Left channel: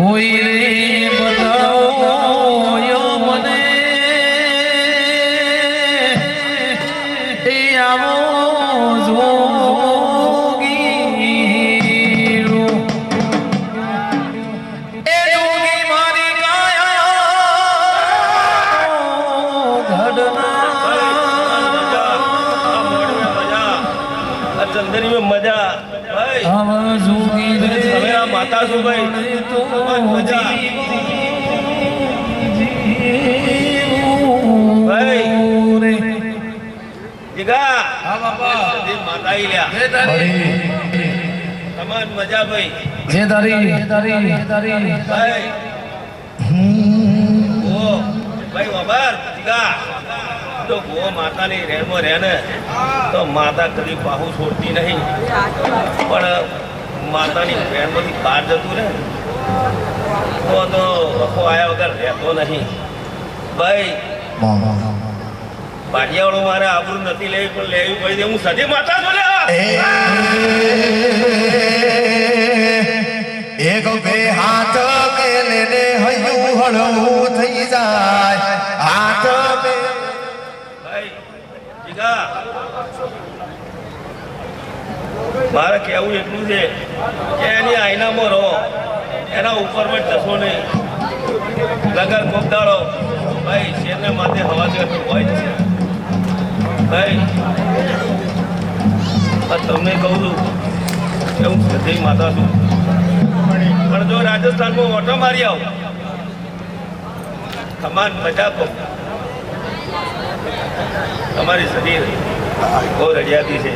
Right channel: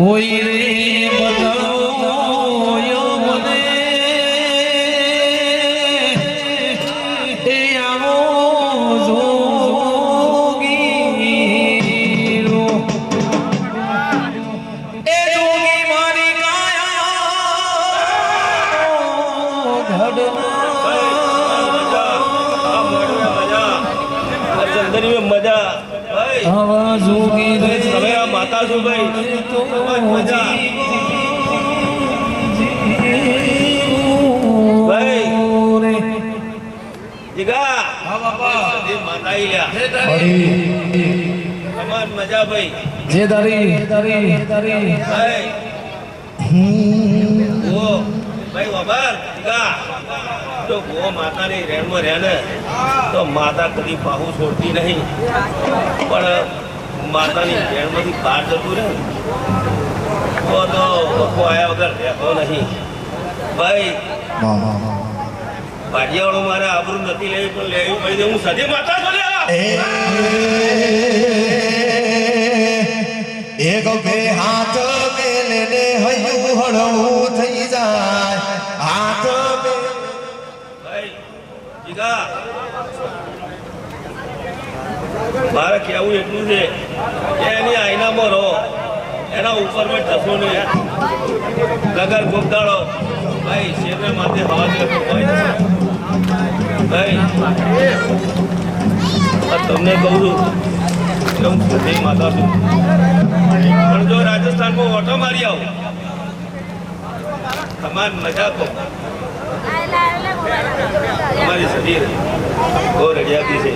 કોઈ રે બનાવો મને એ આવો જોગીરો એ જોગી મારી કાયા ઘડના જંદરી में मजा भाई આવા જોગી રે मेरा माता सु भाई तो मजा भाई રે જીગા હા બાપા સદી માતા ઈ લ્યા કમાન મજા ભાઈ જે દારી ભાઈ ઓ ભાઈ વબર જીગા તો ગો માતાની રેણમાં રહે ને તો માતા કદી બાહુ છોડતી નહીં પણ માતાની રેણમાંથી બહાર જતું રહે તો વખો આયા વગર રહેતો નહીં ભાઈ બાડિયાવાળો મારે આબરૂ નથી લેવી પણ લેવી પડી હું સદી માતા બોલ્યા એક બે હાથ મેલે ને હૈયું હળવું થઈ જાય હાથ મે ભાઈ જીગા મારે કેવું એટલું છે કે એની આઈનામાં રહો એના ઉપર પણ જશો નહીં નગર ગોપદાળો ભાઈ શેરને માથે હવા જતો હોય છે ભાઈ તમને કહું છું કે હું સધી માતા છું પણ જો રાજસ્થાનમાં ઓટો મારી આવો કમાન મજા કહો તમારી શરીર બહુ રડિયાતી છે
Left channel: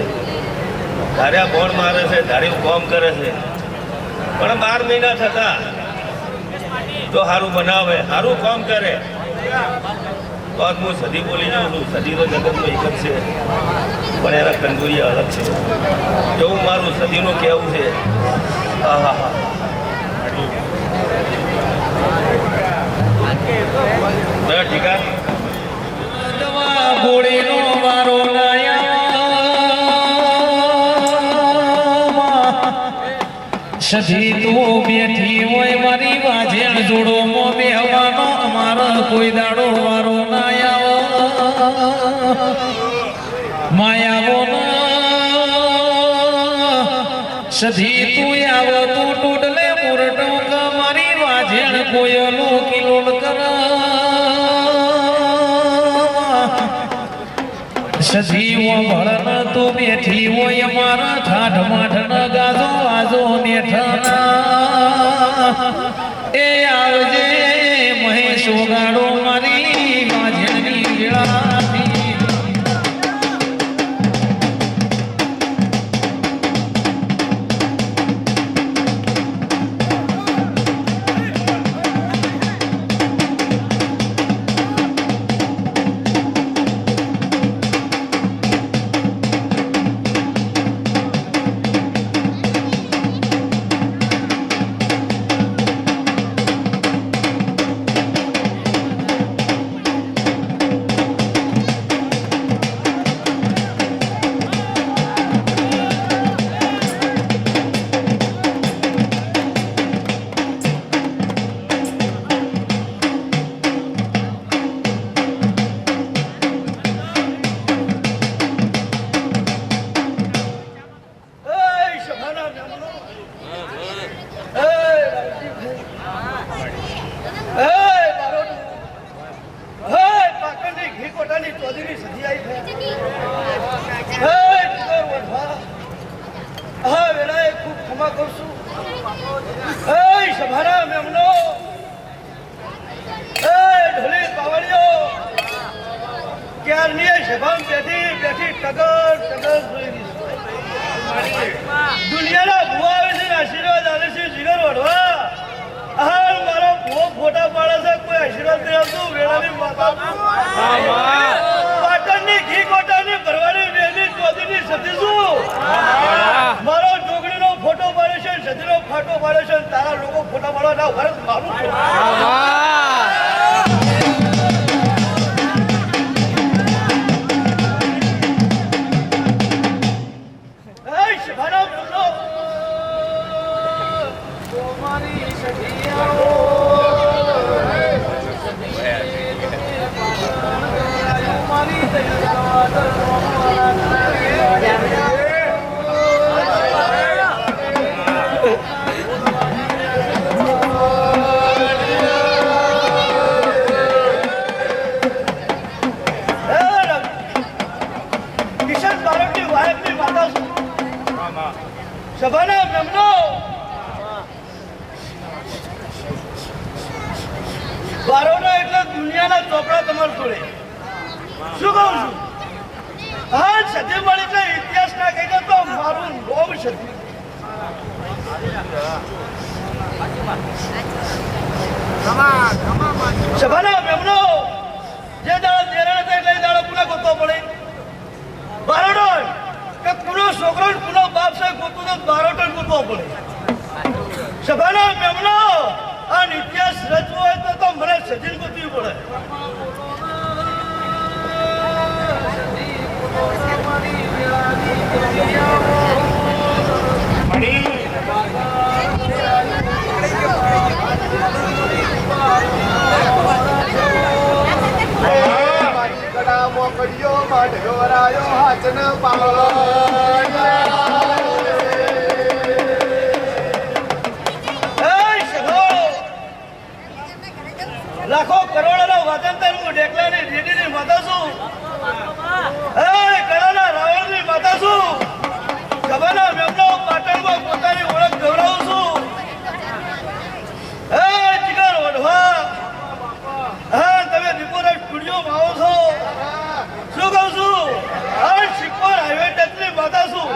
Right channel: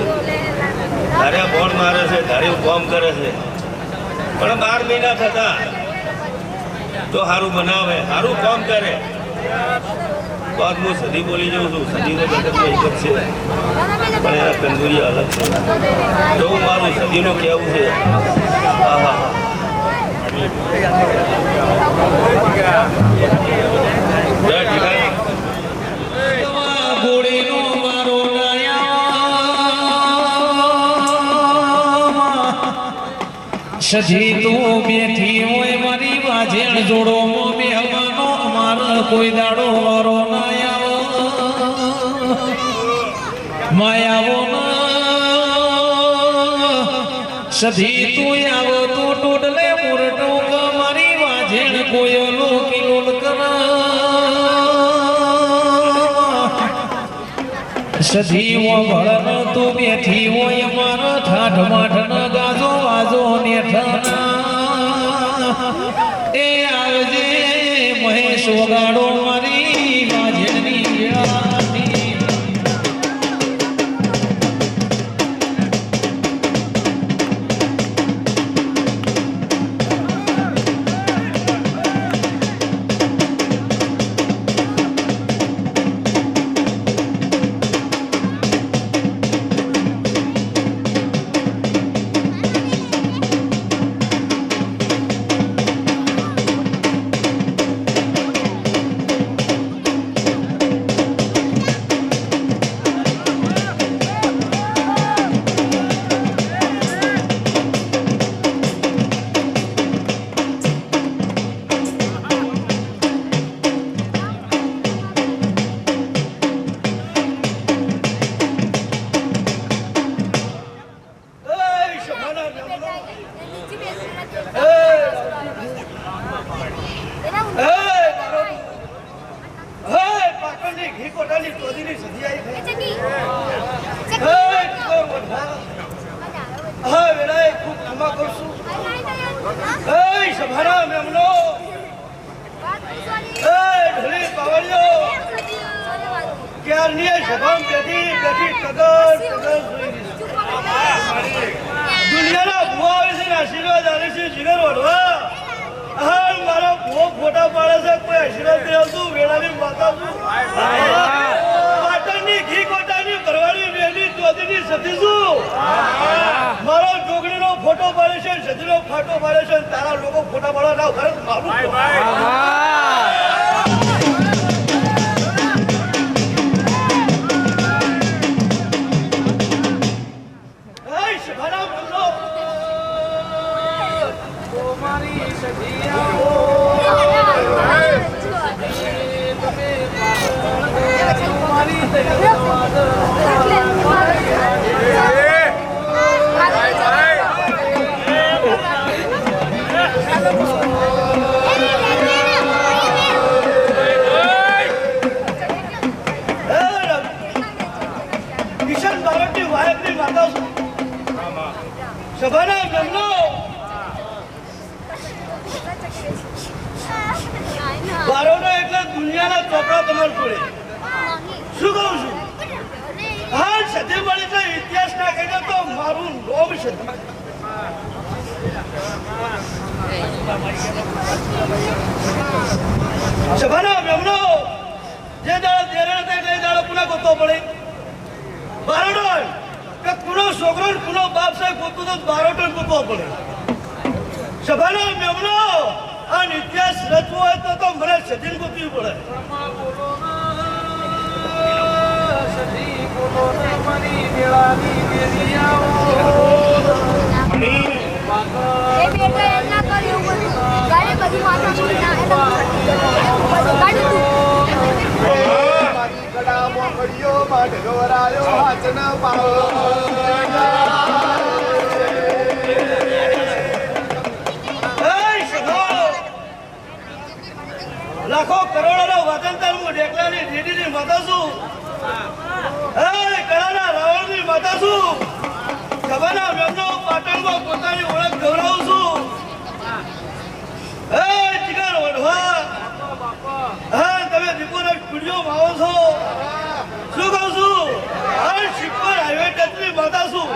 ધાર્યા બોણ મારે છે ધારી કોમ કરે છે પણ 12 મહિના થતા તો સારું બનાવે સારું કામ કરે તો હું સદી બોલી જાઉં છું સદી તો જગતમાં એક જ છે પણ એના કંજૂરી અલગ છે એવું મારું સદીનું કહેવું છે હા હા જય ઠીકા ગોળીનો મારો સજી તું બેઠી હોય મારી વાજેણ જોડો મો બેહવાનો અમારો કોઈ દાડો મારો માયાવો સજી તું આવો તું ટોડલે મોરટો મારી વાજેણ કોયલો કિલોલ સજી ભળન તું બેઠી હોય મારા ઠાઠ માઠ ગાજો વાજો નેઠના એ આવજે મહેશ વગાડો મારી વાજણી વેળાથી દુનિયાના ભૂવા આવે છે આશીર્વાદ આવે છે જીગર વડવા મારા ભૂવો ફોટા પાડે છે કોઈ આશીર્વાદ નહીં આવતું વેળાની માતા પાટણની ઘી કોટાની ભરવાની વેલી ચોધીની સતી છું મારો જોગણીનો ફોટો પાડે છે સતીનો ફાટો સભાના બ્રહ્મનો બારોનો એટલે દુનિયાના ચોપડા તમારે જોડે શું કહું છું? હા, સતી મળી એટલે ઇતિહાસ ના કહીને તો મારું નોમ સતી. સભાના બ્રહ્મનો જે દાડો દેરા હતા એટલે દાડો પુના ગોતવો પડે. બારોડો કે પુનો છોકરો પુનો બાપ સાહેબ ગોતું તો બારોડો ગોતવો પડે. સભાના બ્રહ્મનો આ ઇતિહાસ રચવો હોય તો મને સજીન ગોતવી પડે. મારી કડા મોકળ્યો માઢ ગવરાયો હાથ ન પાવ લાખો કરોડોનો વાદંતર હું ડેકલાની રેડીની માતા છું. કળાના રાવણની માતા છું. ખબરના મેમનો પાટણમાં પોતાની ઓળખ ગૌરવું છું. જીગર ઓઢવા હા તમે દીપોરા સ્ટુડિયોમાં આવો છો. શું કહું છું? શિપર હાઈવે ટચની માતા છું.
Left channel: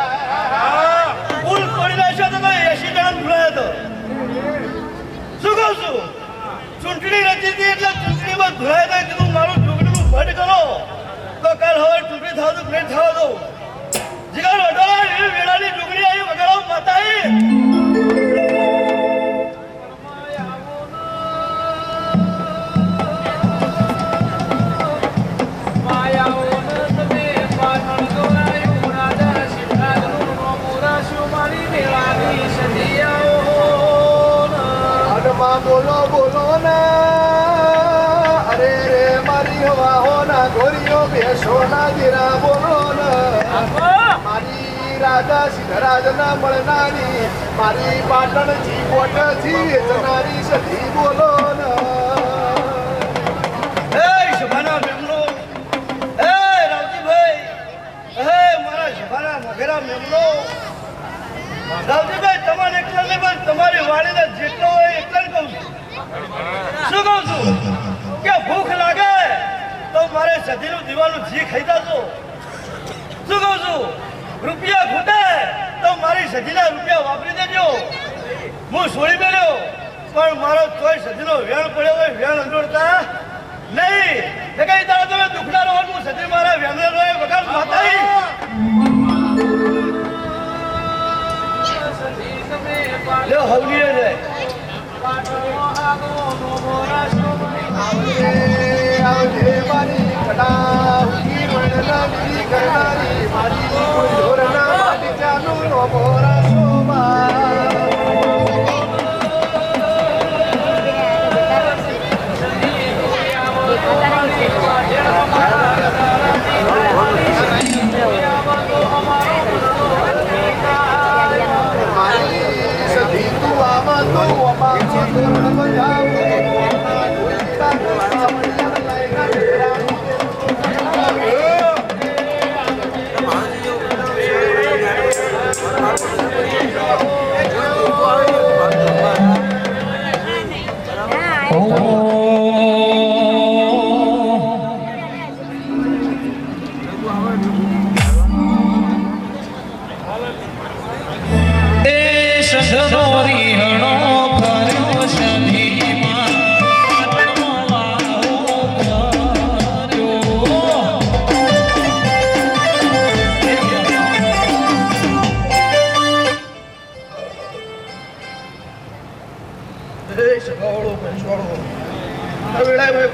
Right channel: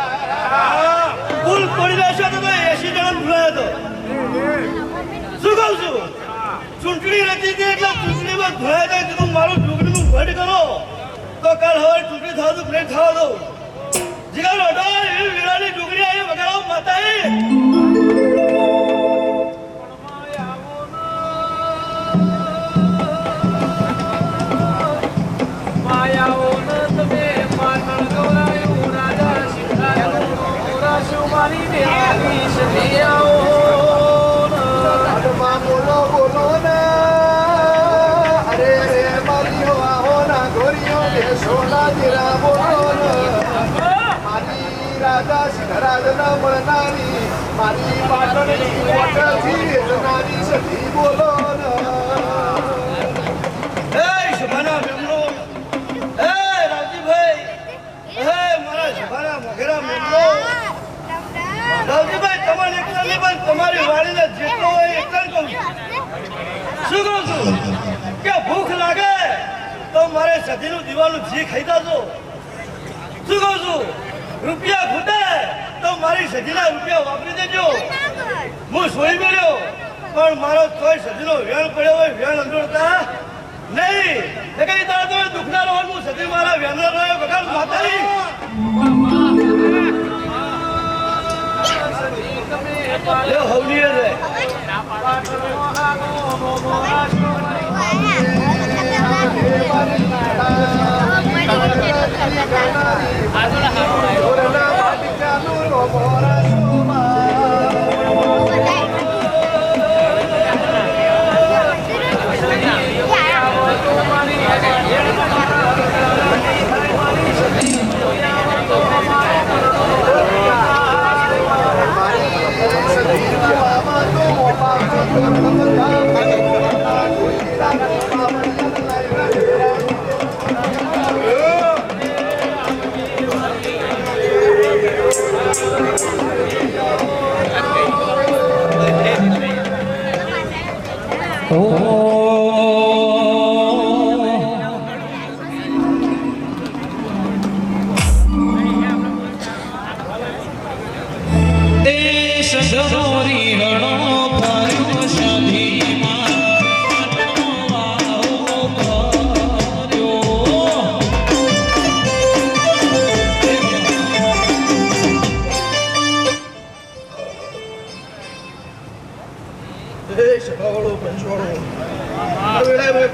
પુલ તોડી નાખ્યો તો 80 જણા ભૂલાયો હતો. શું કહું છું? ચૂંટણી રચી હતી એટલે ચૂંટણીમાં ધોયા કીધું મારું ઢોકળીનું ભટ કરો તો કાલ હવે ચૂંટણી થવા તો પ્લેટ થવા દો. જીગર ઓઢો એવી વેળાની ઢોકળી આવી વગાડો માતાએ. બોલો બોલો ના અરે રે મારી હવા ના ગોરીઓ બેસો ના જીરા બોલો ના મારી રાજા સિદ્ધરાજ ના મળનારી મારી પાટણની કોટથી જનારી સધી બોલો ના સભાના મેમનો રાવજીભાઈ મારા સભાના મોઘેરા મેમનો રાવજીભાઈ તમારે એકલા નહીં પણ તમારી વાડીને જેટલો હોય એકલા જ કહું છું. શું કહું છું કે ભૂખ લાગે તો મારે સજીનું દીવાનું જી ખાઈ જાજો. શું કહું છું રૂપિયા ખૂટે તો મારી સજીના રૂપિયા વાપરી દેજો. હું સોળી મેળ્યો પણ મારો કોઈ સજીનો વેણ પડ્યો હોય વેણ અંદોડતા નહીં. કઈ તારા તમે દુખનારો હોય હું સજી મારા વેણનો વગર માતાઈ હવલી રે આવજે મારી કડા કરનારી મારી ઢોરના માટીચાનું નો મોરા શોભા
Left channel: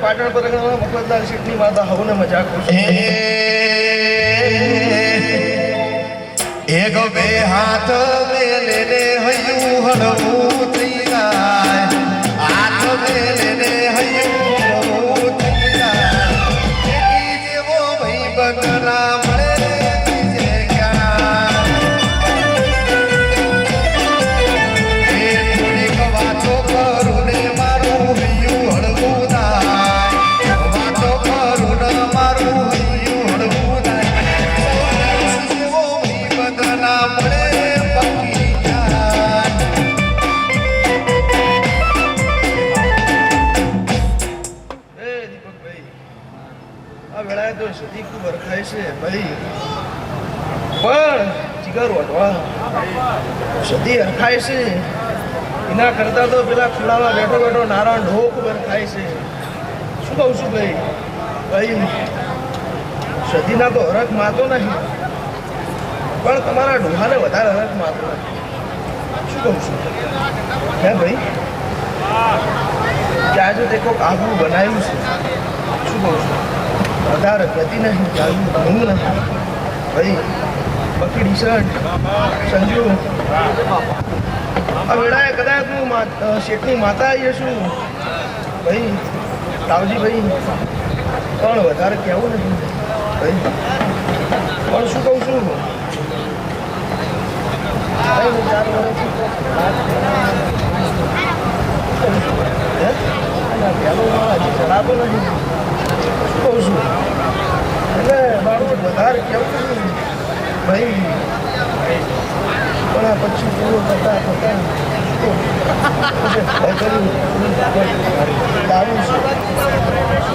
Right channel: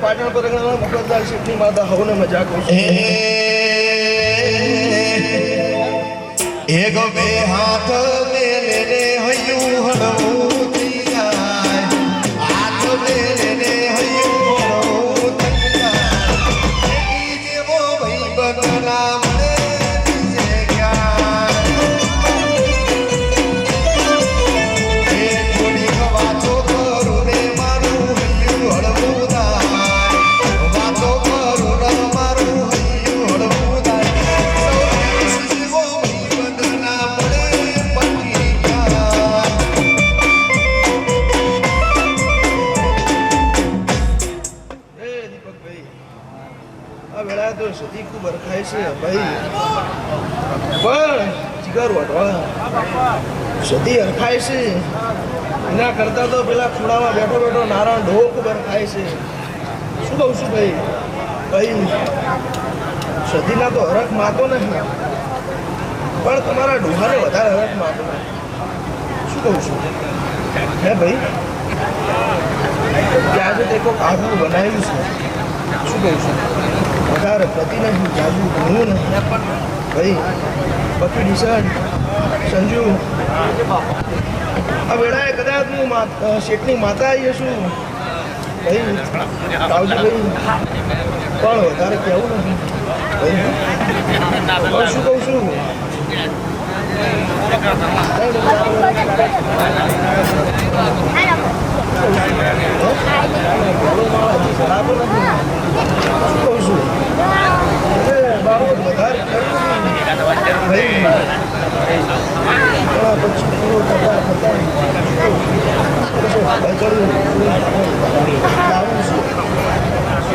પાટણ પર મકરદાર સીટની માતા હવને મજાક એક બે હાથ મેલે હૈયું હળવું થઈ જાય થાય છે ભાઈ, પણ જીગર વટવા સદી હરખાય છે. એના કરતા તો પેલા ખુડામાં બેઠો બેઠો નારાયણ ઢોક થાય છે. શું કહું છું ભાઈ? ભાઈ સદીના તો હરખ માતો નથી, પણ તમારા ડોહાને વધારે હરખ માતો નથી. શું કહું છું હે ભાઈ? જાજુ તે કોઈક આગવું બનાવ્યું છે. શું કહું છું? વધારે પ્રતિ નહીં, જાજુ ભણવું નથી ભાઈ. બકી ડિસન્ટ સંજુ આ વેળાએ કદાચ હું શેઠની માતા આવીએ છું ભાઈ, રાવજી ભાઈ, પણ વધારે કહેવું નથી ભાઈ. પણ શું કહું છું, 4 વર્ષથી ગેલો મારા હજી ચડાતો નથી. શું કહું છું એટલે બાબત વધારે કહેવું નહીં ભાઈ. પણ પછી પૂરો થતા દારૂ શું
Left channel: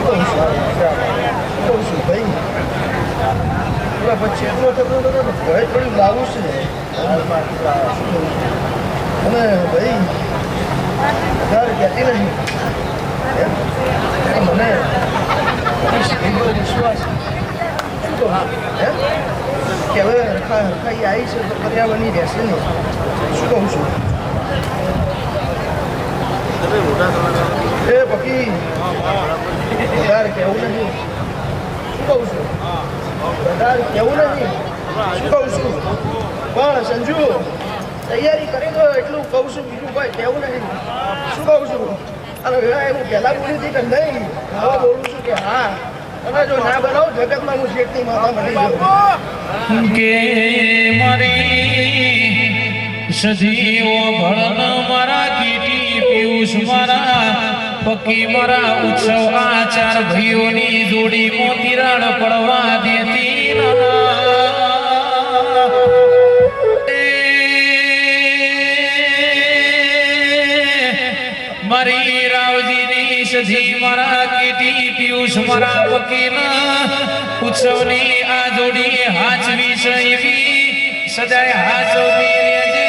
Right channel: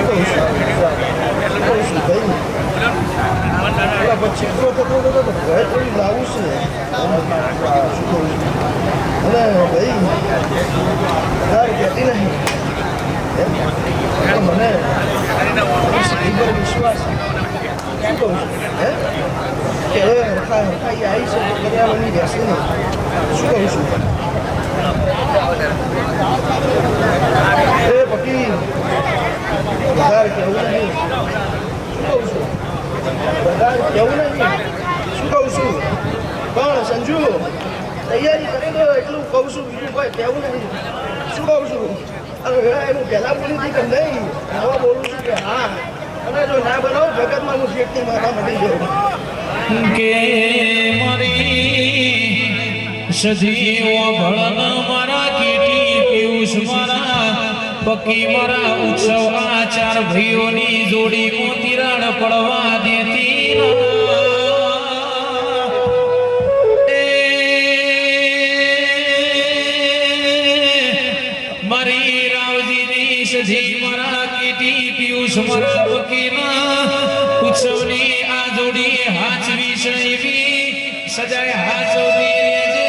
કહું છું ભાઈ? પેલા પછી એટલો થતો હતો તો ઘરે થોડી લાવું છે ને. શું કહું છું? અને ભાઈ વધારે કહેતી નહીં મને વિશ્વાસ. શું કહું છું હે કે હવે હરખાઈ આવી છે તો પર્યાવરણની રહેશે નહીં. શું કહું છું એ પકી વધારે કહેવું નહીં. શું કહું છું? વધારે કહેવું નહીં. શું કહું છું? પણ સંજુ તૈયારી કરી દો એટલું કહું છું, બીજું કોઈ કહેવું નહીં. શું કહું છું? અને હું પહેલાં બોલી હતી કે નહીં, હવે બોલું છું કે હા. અને જો ના બનાવો જગતમાં હું શેઠની માતા મળી ગયો કે મારી સજીવો ભળન મારા કીટી પિયુષ મારા પકી મારા ઉત્સવ આ 4 ભાઈઓની જોડી મોતીરાળ પડવા દેતી મારી રાવજીની સજી મારા કીટી પિયુષ મારા પકીના ઉત્સવની આ જોડી હાચવી સૈવી સજાય હાચવી રેજે.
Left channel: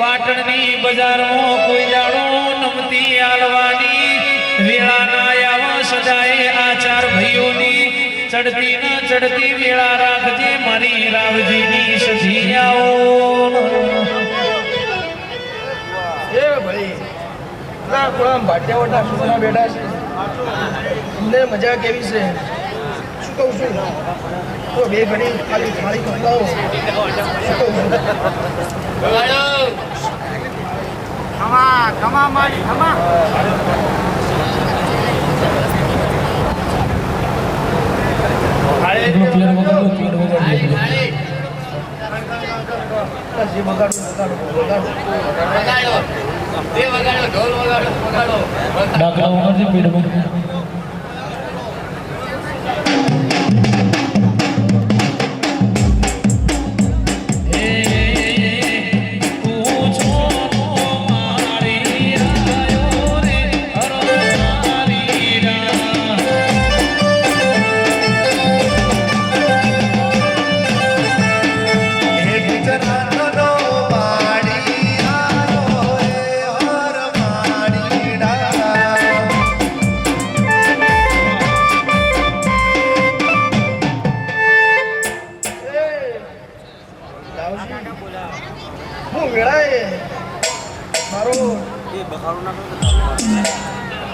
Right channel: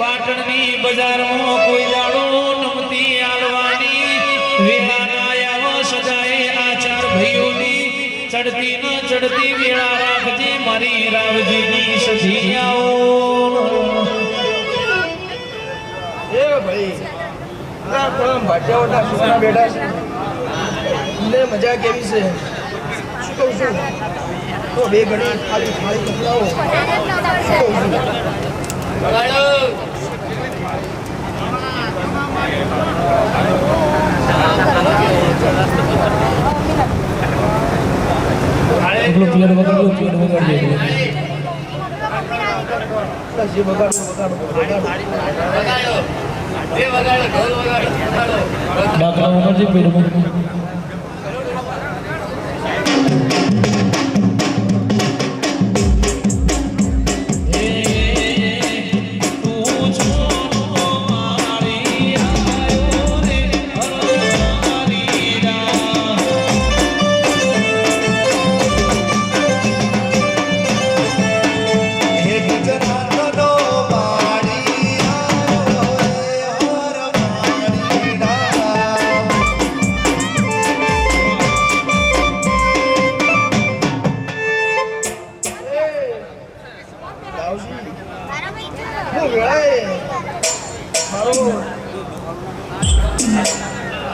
પાટણની બજારમાં કોઈ જાડો નમતી આલવાની વેળા ના આવ સજાય આ 4 ભાઈઓની ચડતી ન ચડતી વેળા રાખજે મારી રાવજીની સજી આવો એ ભાઈ. ભાટિયાવાળા છોકરા બેઠા છે, એમને મજા કેવી છે? શું કહું છું? તો 2 ઘડી ખાલી થાળી પકડાવો. શું કહું છું? જે બગાડો ઢોલ વગાડો. દાખલા વગર પીડમાં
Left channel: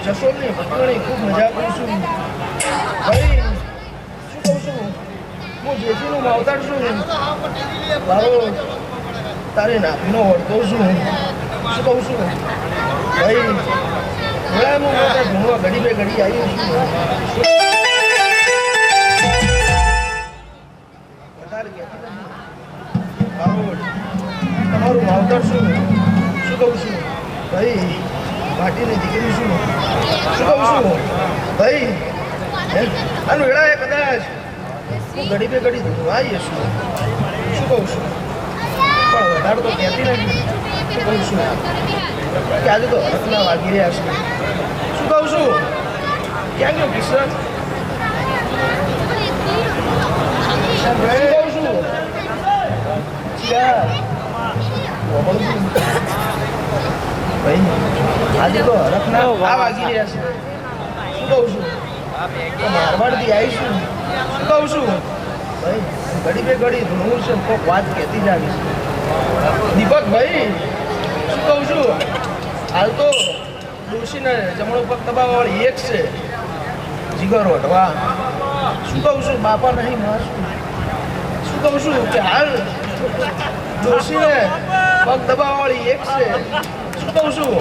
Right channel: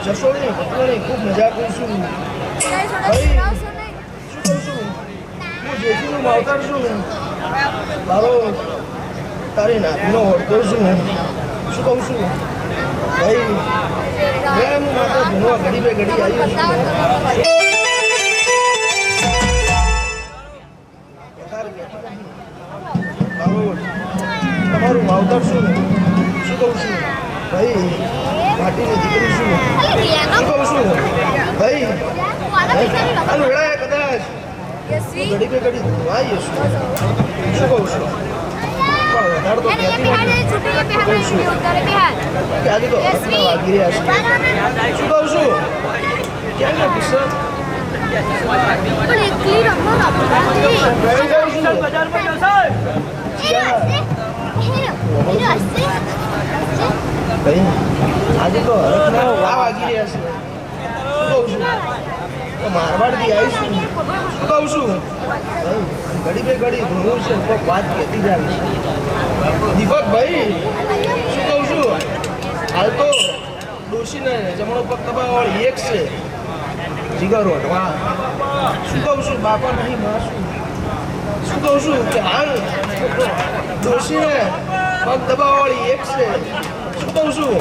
જશોની ભટકણી ખૂબ મજા કરું છું ભાઈ. શું કહું છું? હું જેઠીનું માવતર છું ને, મારો તારી નાખીનો વળતો છું. શું કહું છું ભાઈ? હું મારા ધૂણવા ઘડી બે ઘડી આવી છું. તમારું માવતર છું. શું કહું છું ભાઈ? માટીની દીકરી છું. શું કહું છું ભાઈ? અને વેળાએ કદાચ ઘડી બે ઘડી આવી હશું. શું કહું છું? પણ વધારે તો કહેતી નથી. શું કહું છું કે આજે તો હરખના વાગી રહ્યા છે. શું કહું છું? કેમ ને કિશન આજે તો હરખના વાવ વાગી રહ્યા છે. શું કહું છું? તો મારવાડથી આવીશું. શું કહું છું? ભાઈ ઘડી બે ઘડી ઘણું છે, કોઈક વાત કહેતી જાવી છે. દીપકભાઈ શું કહું છું? હાલ તો ડોશીને જમણો પગ દબાવવાળી એક છે, જીગર વટવા. શું કહું છું? બાપા નહીં માં શું કહું છું કે હાલ ડોશીને પગ દબાવવાળી એક છે. શું કહું છું?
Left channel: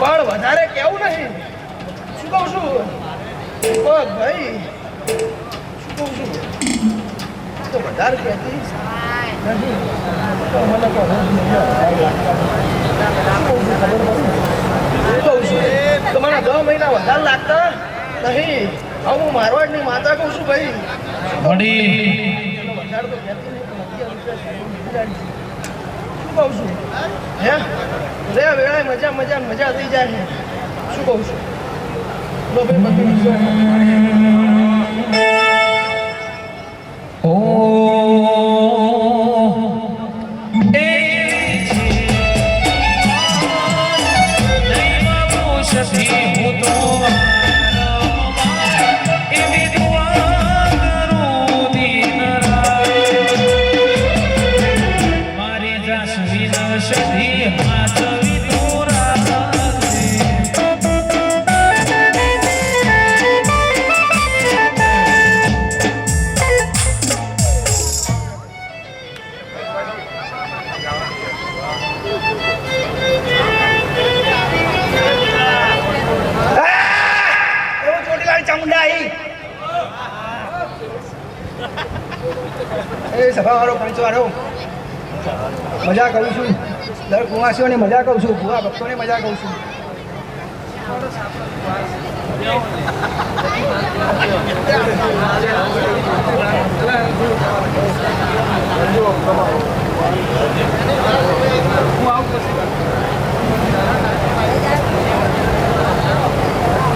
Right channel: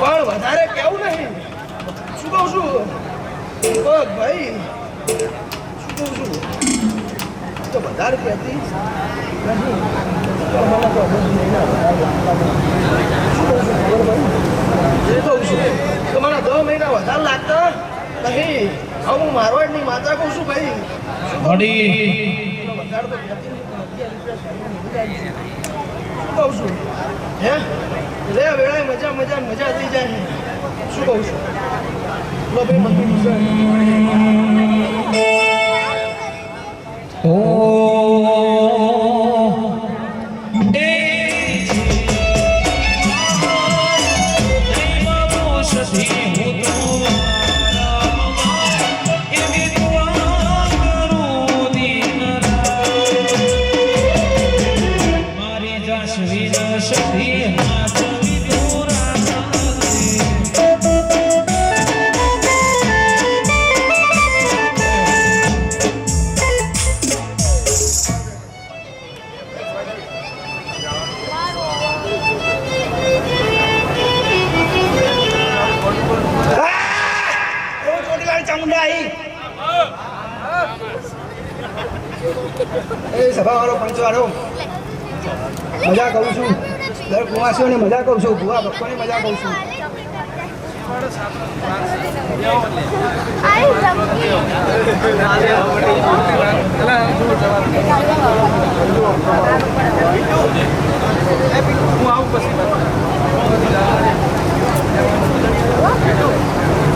પણ વધારે કેવું નહીં. શું કહું છું? દીપક ભાઈ શું કહું છું? તો વધારે કહેતી નથી. તો મને તો હવે શું કહું છું ખબર પડી? શું કહું છું? તો મને 10 મહિના વધારે લાગતા નહીં. હવે હું મારવાડની માતા કહું છું ભાઈ. વડી વધારે તો કહેતી નહીં, પણ 11 રૂપિયા સાઈડમાં મિલી જાય છે. શું કહું છું? હે રે વેળાએ મજા મજા મજા થઈ જાય છે. શું કહું છું? લો ભાઈ બધું છે. ઓ સભાવાળો પંચવાળો મજા કરું છું. દર કુવાસીઓની મજા કહું છું, ભૂવા ભક્તોની મજા કહું છું.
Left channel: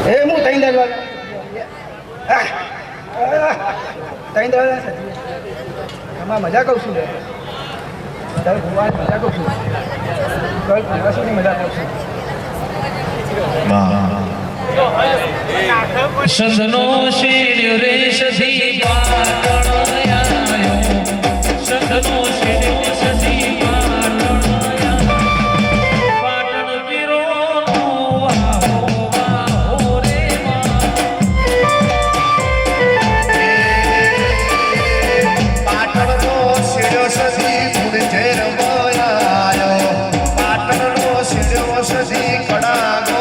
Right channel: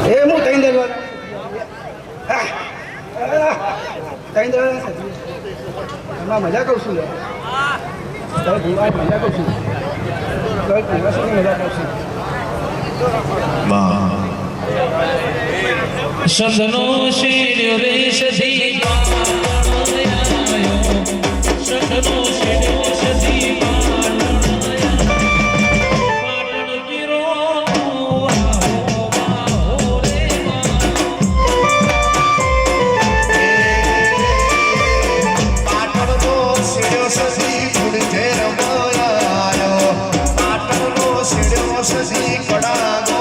એ હું તઈ દરવાજા એમાં મજા કહું છું. તમે ભૂવાની મજા કહું છું. કશુંની મજા કહું છું. સદનો શેર્યો રે સધી સદનો શેર્યો સધી પાટણ પીરો રે પાટણનો શેડ્યો સધી ફૂલ જય રમાયો. પાટણનો શેડ્યો સધી કડાનો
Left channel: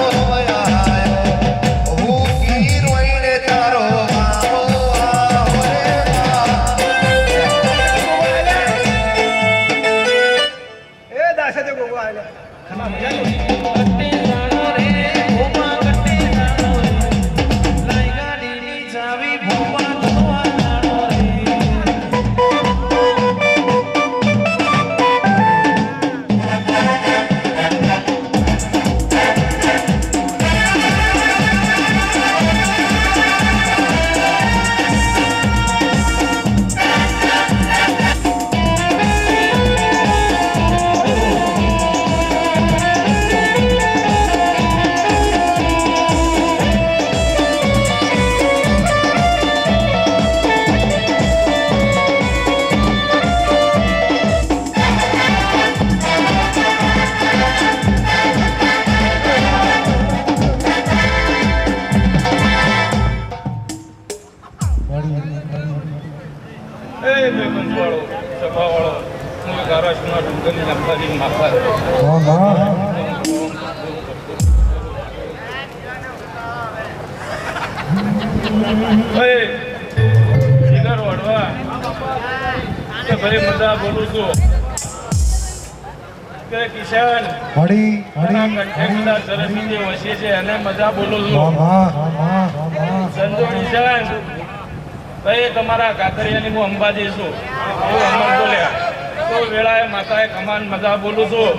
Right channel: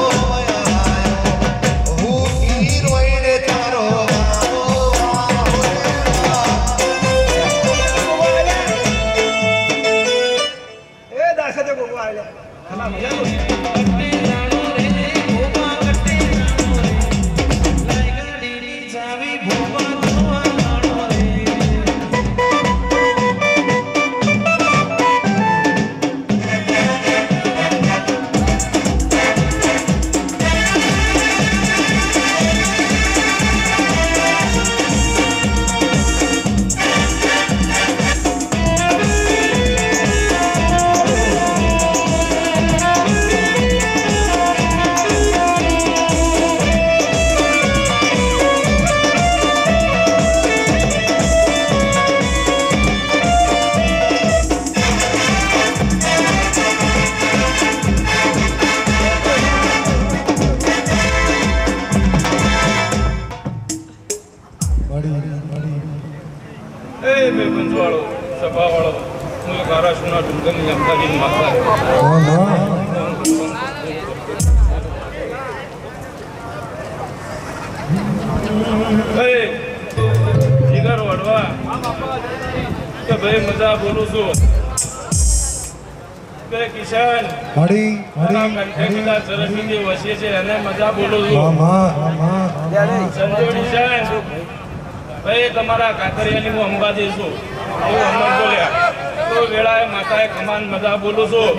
મજા બોલું છું કે કિશન સરસ્વતી વસે છે અને મજા બોલું છું. સંજોડી છે ભાઈ તમારા કાતરિયાની હું અંબાજી છું. બોલ્યા તો વેળાએ માતાએ કમાન મજા બોલું છું.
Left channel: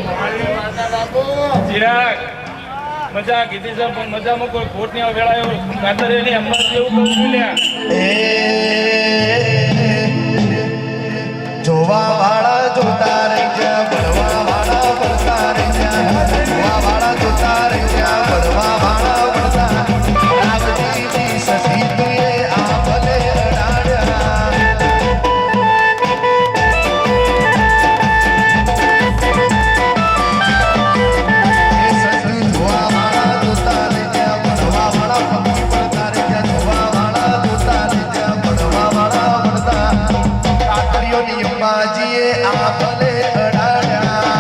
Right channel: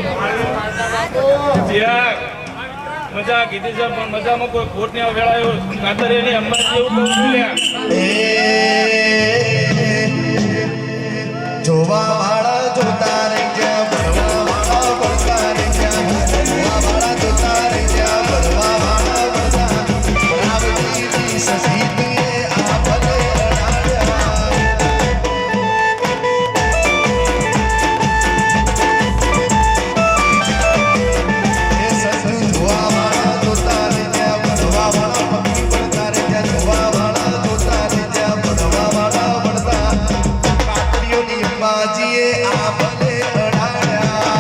ચિરાગ મજા કીધી છે પણ મજામાં કોઈ ખોટ ની વેળાએ કાતરિયાની અંબાજી એવું બોલ્યા જોવા વાળા જોતા રે જ્યાં ભરવા વાળા ભરતા રે જ્યાં જોવા વાળા જોતા રે જ્યાં ભરવા વાળા ભરતા આવતી સસી તુએ આ ભલે અડાડ્યા એ સસી જોવા વાળા જોતા રે જ્યાં ભરવા વાળા પક્ષી ભરતા રે જ્યાં જોવા વાળા જોતા રે જ્યાં ભરવા વાળા ભરતા કાકડીઓની અંબાજીએ આ ભલે અડાડ્યા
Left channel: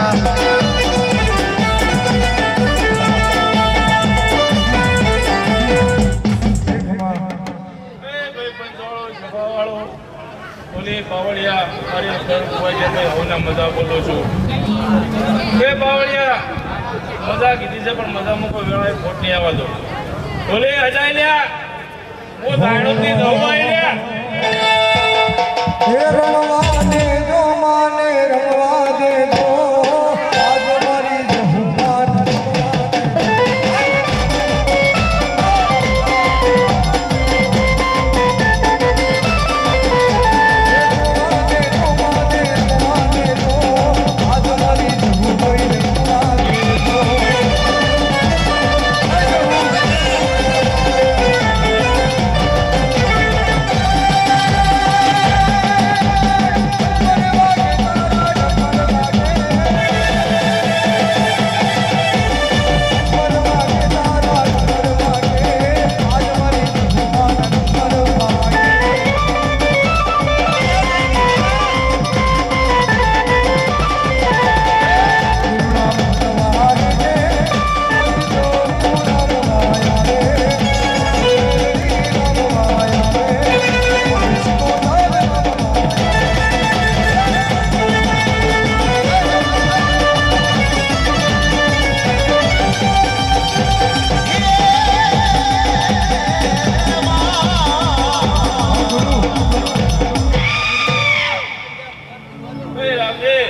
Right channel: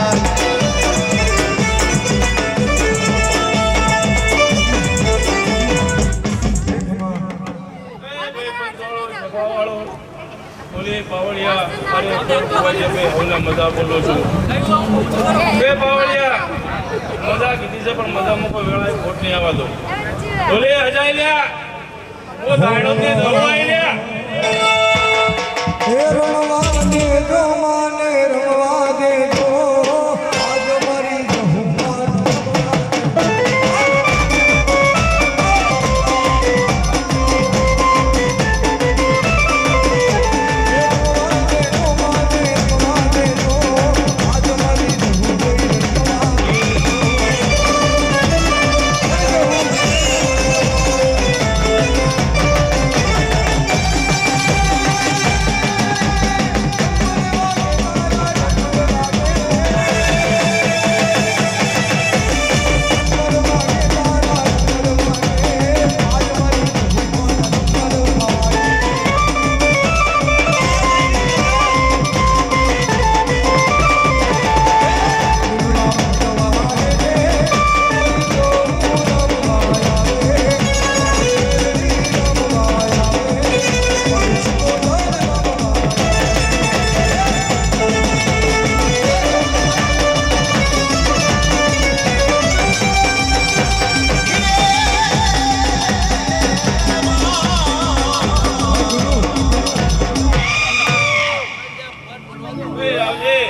ઓલી પાવળિયા મારી અખર હોય છે કે હોના મજા બોલો છું બે પાવળિયા મજા કીધી છે પણ મજામાં કોઈ વેળાએ ખોટ નહીં આવવા દો ઓલી હજાઈ લ્યા હું દાડો થી ધોવાઈ લ્યા રણવાને જો માને રમવા દેજો આજ મારી જહુમાર ભાઈ રામજી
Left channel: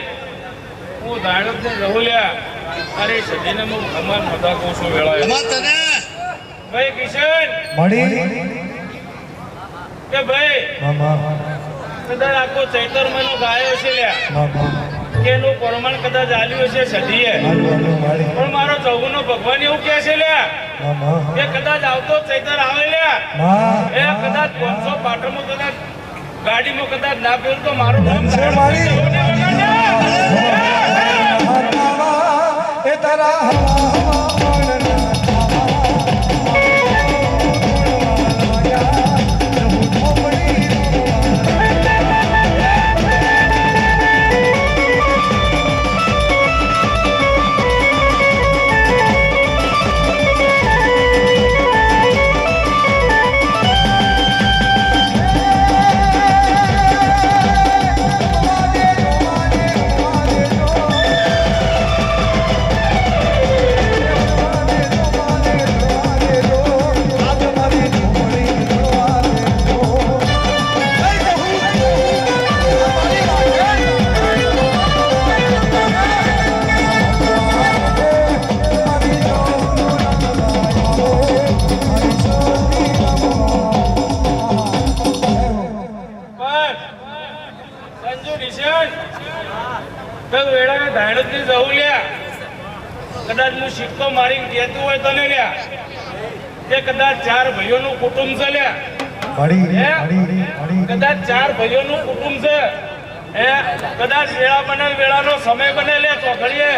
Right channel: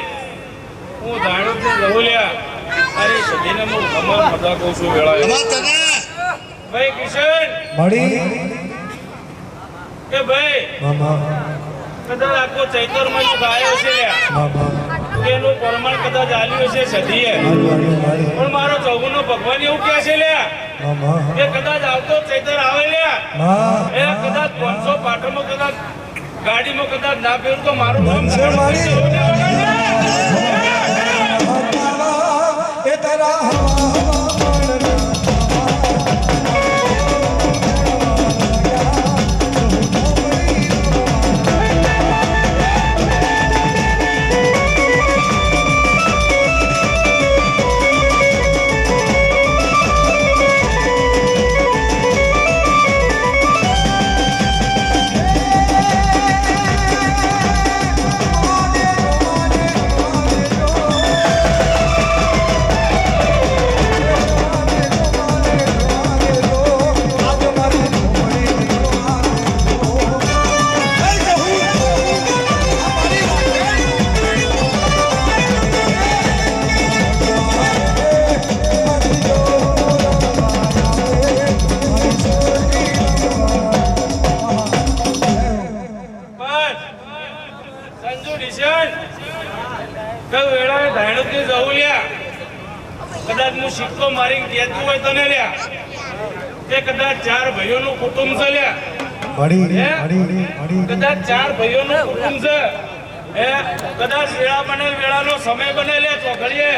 હું દાડો થી જવું લ્યા અરે સજીને હું ખબર મજા કહું છું વેળાએ ભાઈ કિશન મળી કે ભાઈ કદાચ આખો ચૈતર મહિનો ગાયો છે લ્યા કે એનું પ્રમાણ કદાચ આલ્યું છે સધીએ પણ મારો ચૌગનો ભગવાન એવું કહે છે લ્યા કે કદાચ આવતો ચૈતર આવે લ્યા એ કદાચ 500 પાટણમાં કદાચ ગાડીમાં કદાચ ના ફેરું તો મારું નામ એ તારા કદાચ હું સિક્કો મારી કહેતું હોય તને લ્યા કે કદાચ 4 ભાઈઓનું કુટુંબ છે લ્યા કદાચ 4 ભાઈઓનું કુટુંબ છે એ કદાચ વેળા બનેલ વેળાનો સમય બને લે ચોઘડીએ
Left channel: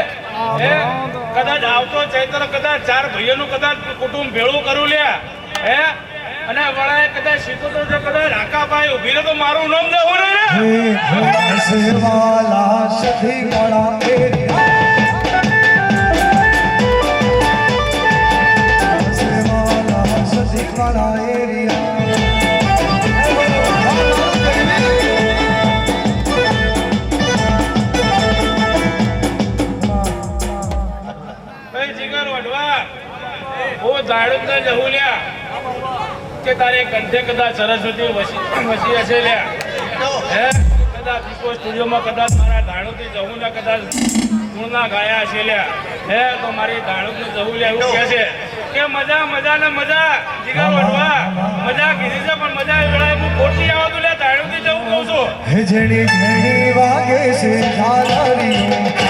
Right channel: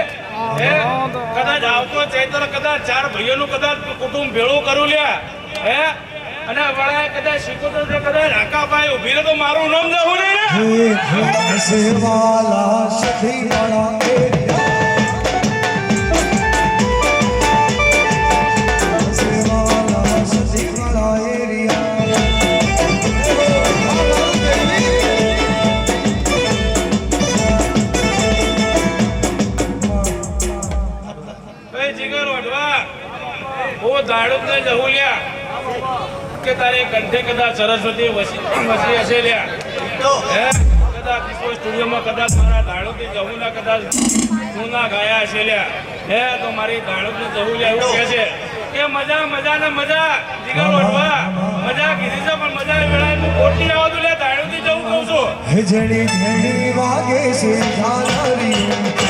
કદાચ આવતો ચૈત્ર કદાચ 4 ભાઈઓનું કદાચ કુટુંબ ભેળું કરું લ્યા હે અને વળાએ કદાચ શીખો તો કદાચ રાકાભાઈ ઉભી રહે તો મારું નામ જવું ને સેવાલા સધી વાળા કે તારે કંઠે કદાચ સરસ્વતી વસી હશે લ્યા હે કદાચ સ્ટુડિયોમાં કદાચ મારા ગાળો દાણોથી જવું ના કદાચ તું ના ગાયા છે લ્યા હે તો મારી દાણોથી જવું લે એવું કહે છે કે મજા મજા ને મજા જીગર વડવા મજા કીધી છે પણ મજા વેળાએ હું ખોટી આવતું લે દાણોથી જવું કહું છું હે જણી જણી વાગે છે ઝાલરીઓ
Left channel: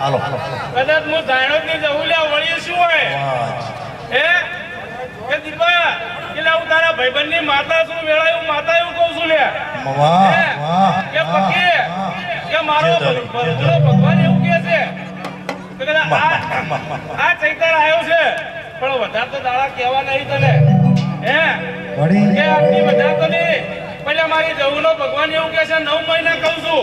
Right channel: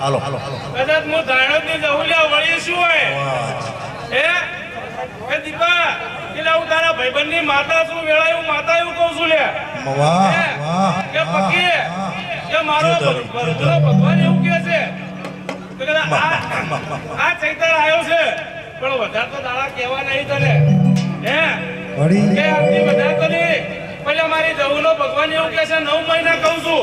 હાલો કદાચ હું દાણોથી જવું લે વળી શું હોય હે એ દીપા એટલે હું તારા ભાઈબંધની માતા છું વેળા હું માતા એવું કહું છું લે કે પકી કે મારો ભગવાન એવું કહે છે તો કદાચ આ ચૈતર આવ્યો છે પણ વધારે તો દાડા કહેવા નહીં તને હે કે આટલી વધારે તો નહીં પણ મારી જવુનો ભગવાન એવું કહે છે 9 મહિના કહું છું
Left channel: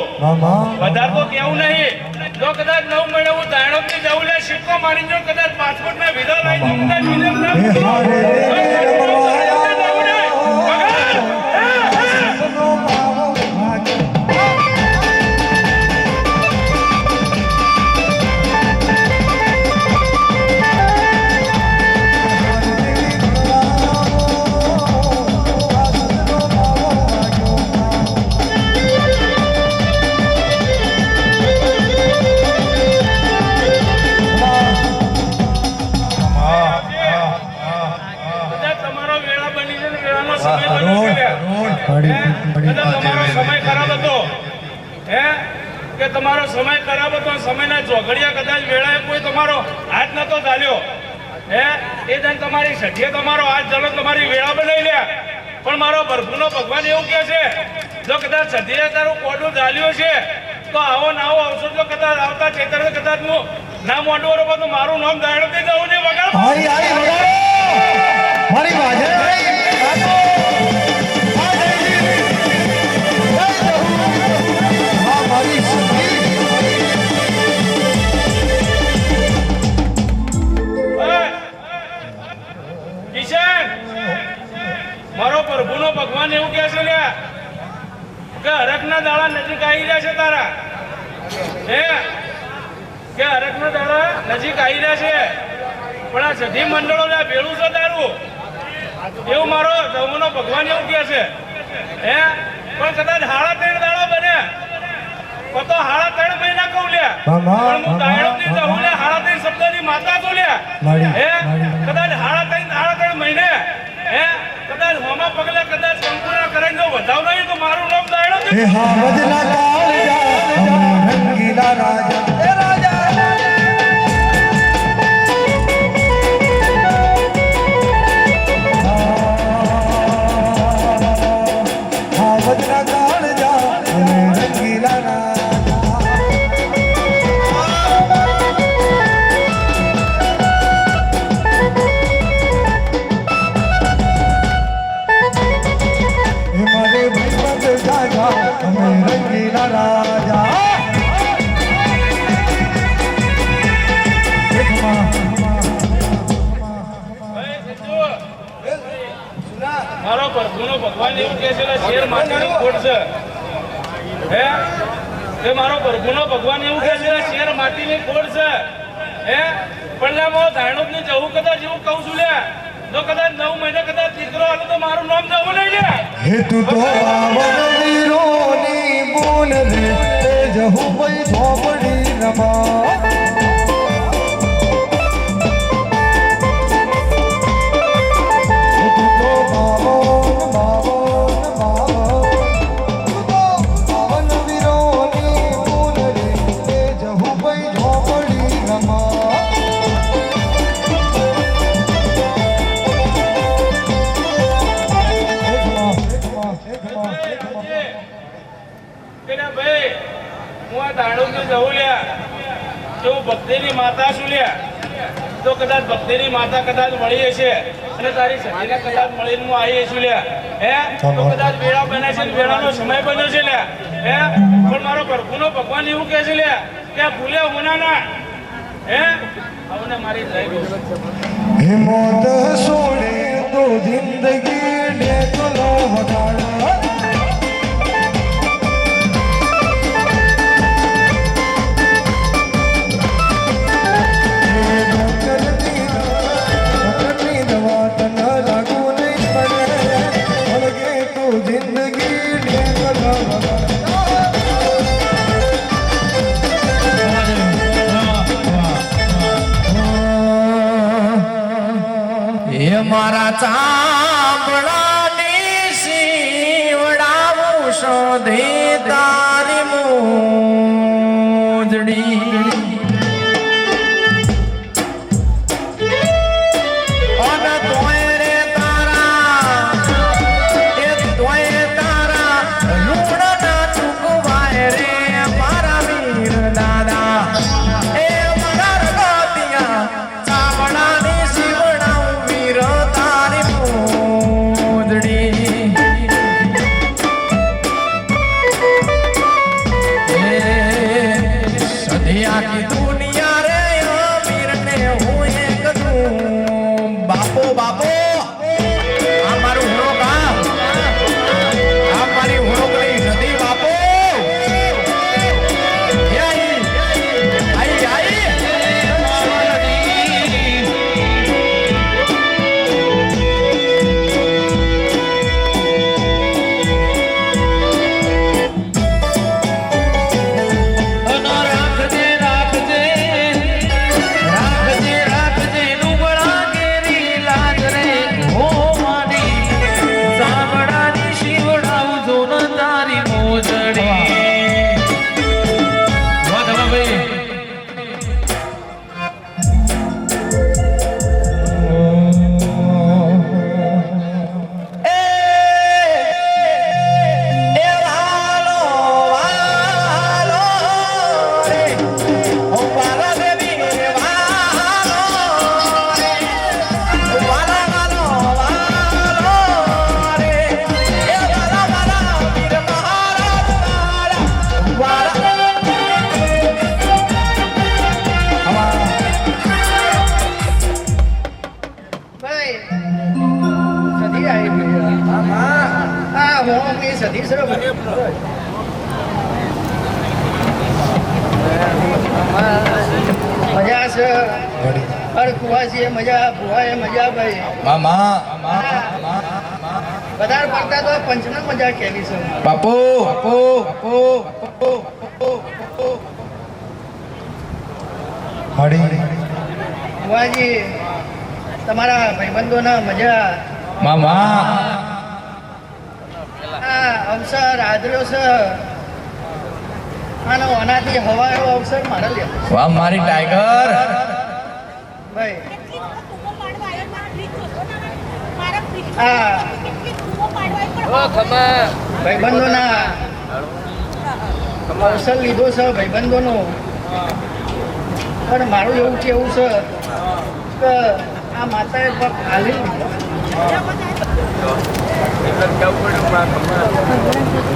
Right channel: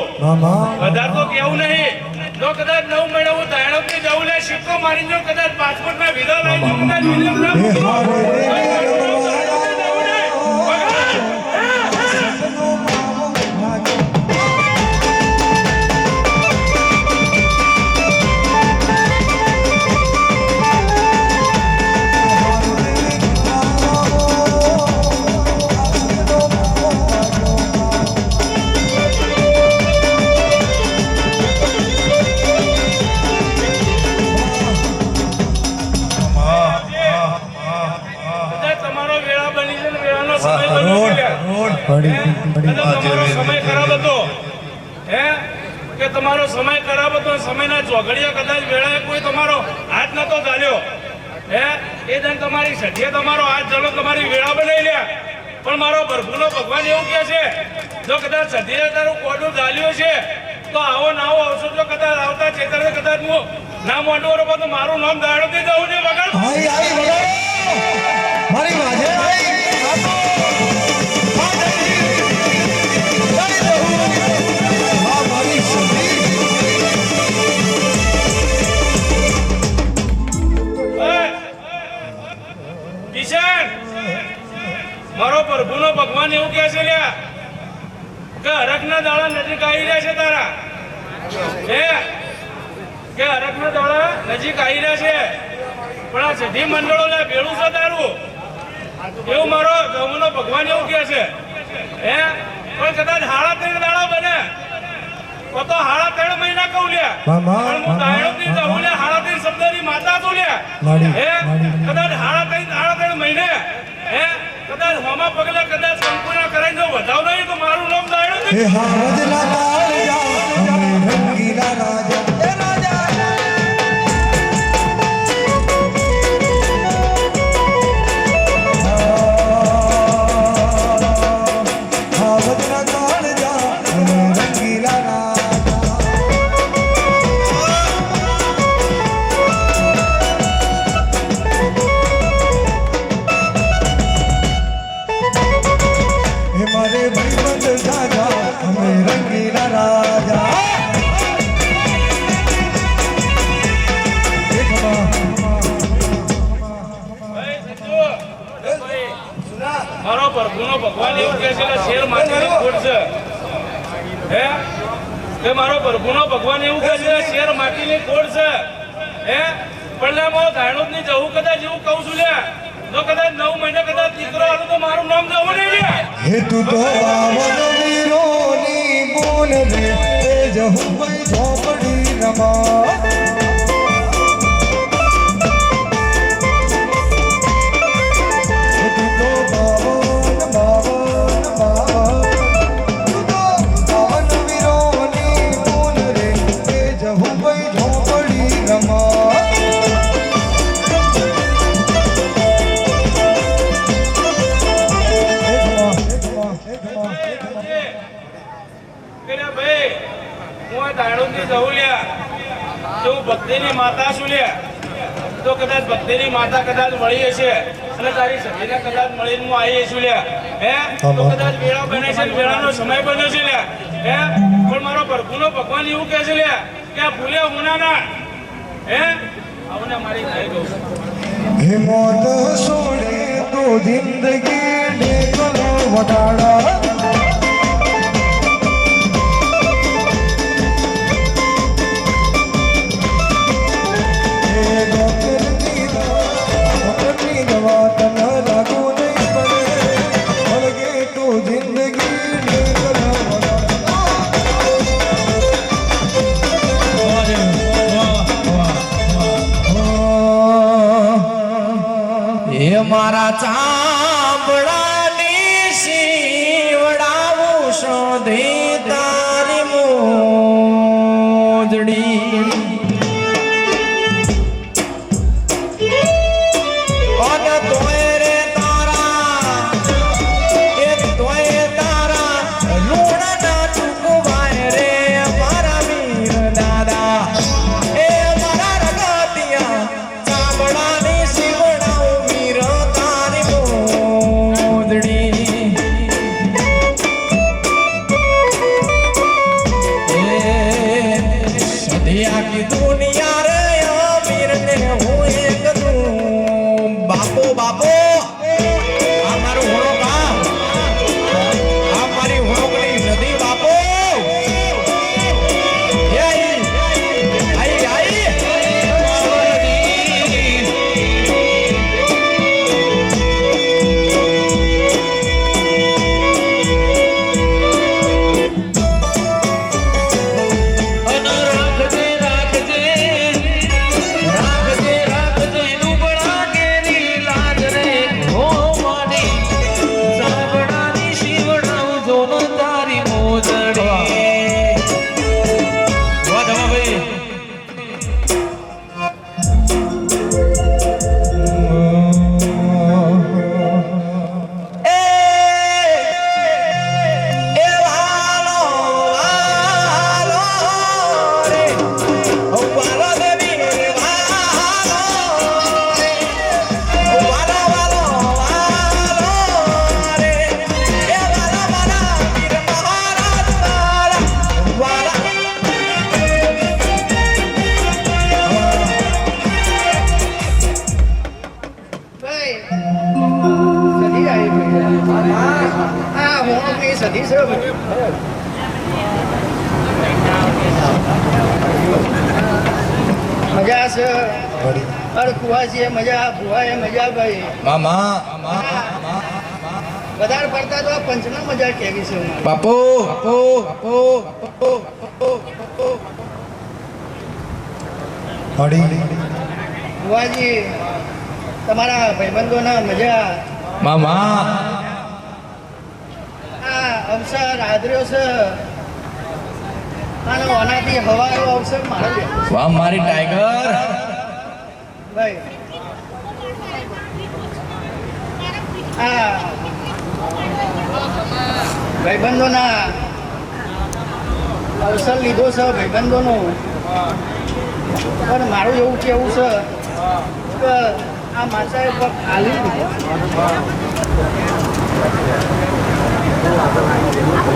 વધારે તો કેવું નહીં જો કદાચ 9 મહિના હું દાણોથી જવું લે શિપકો મારી જો કદાચ પાસપોર્ટ ના વિઝા લઈ જો કદાચ તમારો સમય ખરાબ હતો સમયના ચોઘડિયા કદાચ વેળાએ કોઈ તમારો હાથ નતો ચાલ્યો હે એ જણ તમારી સઠીએ તમારો હાથ ચાલો તમારી વેળા બનાવી લ્યા પણ મારો ભરભૂનો ભગવાન એવું કહે છે જો કદાચ સઠીએ તારું કોડું ચાલ્યું છે તો આવો ના આવો અવસર જો કદાચ આવતા ચેતર કદાચ હું ના મોઢું તો મારું નામ દાણોથી જવું ને વગર મારી વાજે મારો પ્રભુનો ભગવાન એવું કહે છે લ્યા કે હરકના દાડા નજીક આવી રહ્યા છે તારા હે કે હરકના દાડા નજીક આવી રહ્યા છે પણ આ સધી મંડળો લે ભેળું છે તારું એવું મારો જવુનો ભગવાન એવું કહે છે હે પણ કદાચ 3.5 દાડા બને તો 3.5 મહિના કહું લ્યા પણ હું દાયણોથી જવું લે 3.5 શબ્દની માતા છું લ્યા હે કદાચ 3.5 મહિને હે કદાચ હોમા પગલે કદાચ સંપૂર્ણ કરાઈ જો વધાવ નહીં તો મારું નામ દાયણો હે હાવજના રાજા રંગીલા રાજા એ રાજા હાવજના રાજા રંગીલા રાજા हमारे भगवत राजा हमें रंगीला राजा મારો પ્રભુનો ભગવાન એવું કહે છે કે શેર માટીની ખોટ છે હે કે મારો પ્રભુનો ભગવાન એવું કહે છે કે શેર માટીની ખોટ છે હે પણ મો દાણોદની જવું કદાચ એવું કહું છું લે જો કદાચ 9 મહિને કદાચ દીકરો આલો તો મારું નામ જવું નહીં લે હે તું તો આવન વીરોની બોલ રે એ જહુ ભાઈ ધોપડી રમા ભક્તિની માતા શું લ્યા તો કદાચ ભક્તિની માતા કદાચ મળી હશે અને તારી સખીને કદાચ મળીને હું આવી છું લ્યા હે તો કદાચ વેળા બને છે વેળાનો સમય બન્યો છે લ્યા હે પણ મારો પ્રભુનો ભગવાન એવું કહે છે લ્યા કે આ ભૂલે હોનાના હે આવને મારી જાય ગયો हिम्मत सोने तो जिंदगी देखलो वगाड़ा डॉक्टर की दवा तन लागू नहीं पड़े अलगे तो जिंदगी देखलो એ મારા ચાંબડાની શીવડાવું શોધી તારી મોજડી અને તોય રે તારા એ તોય તારા લૂણના ચૂકવાય રે મારા વીર દાદા એ મારા રગાતિયા ચામડાની શીવડાવું વીર તારી મોજડી એ સધી આખી દુનિયા રે વીરને હું એક દઉં બાપો બાપો આ મારું હોળો આ મારી હોળોની નદી બાપો એ આઈ રાખજે રાખજે રાખજે રાખજે નુબળા કેરી લાજ રે હો મારી સાંભળાની શીવડાવું જો ન તારી મોજડી વાહ ભાઈ એ વાલો વાલો રે ઓ વાલા દેવી રે વાલો રે ઓ વાલા વાલો વાલો રે એ વાલા વાલા વીર મહારાજ વાલા ભાઈ સધી આવી ભાઈ હા હું આપણી સધી છે ભાઈ. મજા છે અરે કુવાસીએ મજા ભુવાએ મજા ભાઈ મામા વધારે પડતા તો પંચના મજા કેવી છે બાપો બાપો બાપો ભુવાજી તમારા ભાઈબંધોના મજા મામા આ અવસર આદર્યો છે અને ઓનાથી હવા એવો અવસર મારે લે વાહ મારી ટાઈગર ભાઈ આ ભાઈબંધોના અવસર લીધો છે ભાઈબંધોનો પણ મારું એવું કેવું છે કે આ માતાએ પગ હાલી લીધો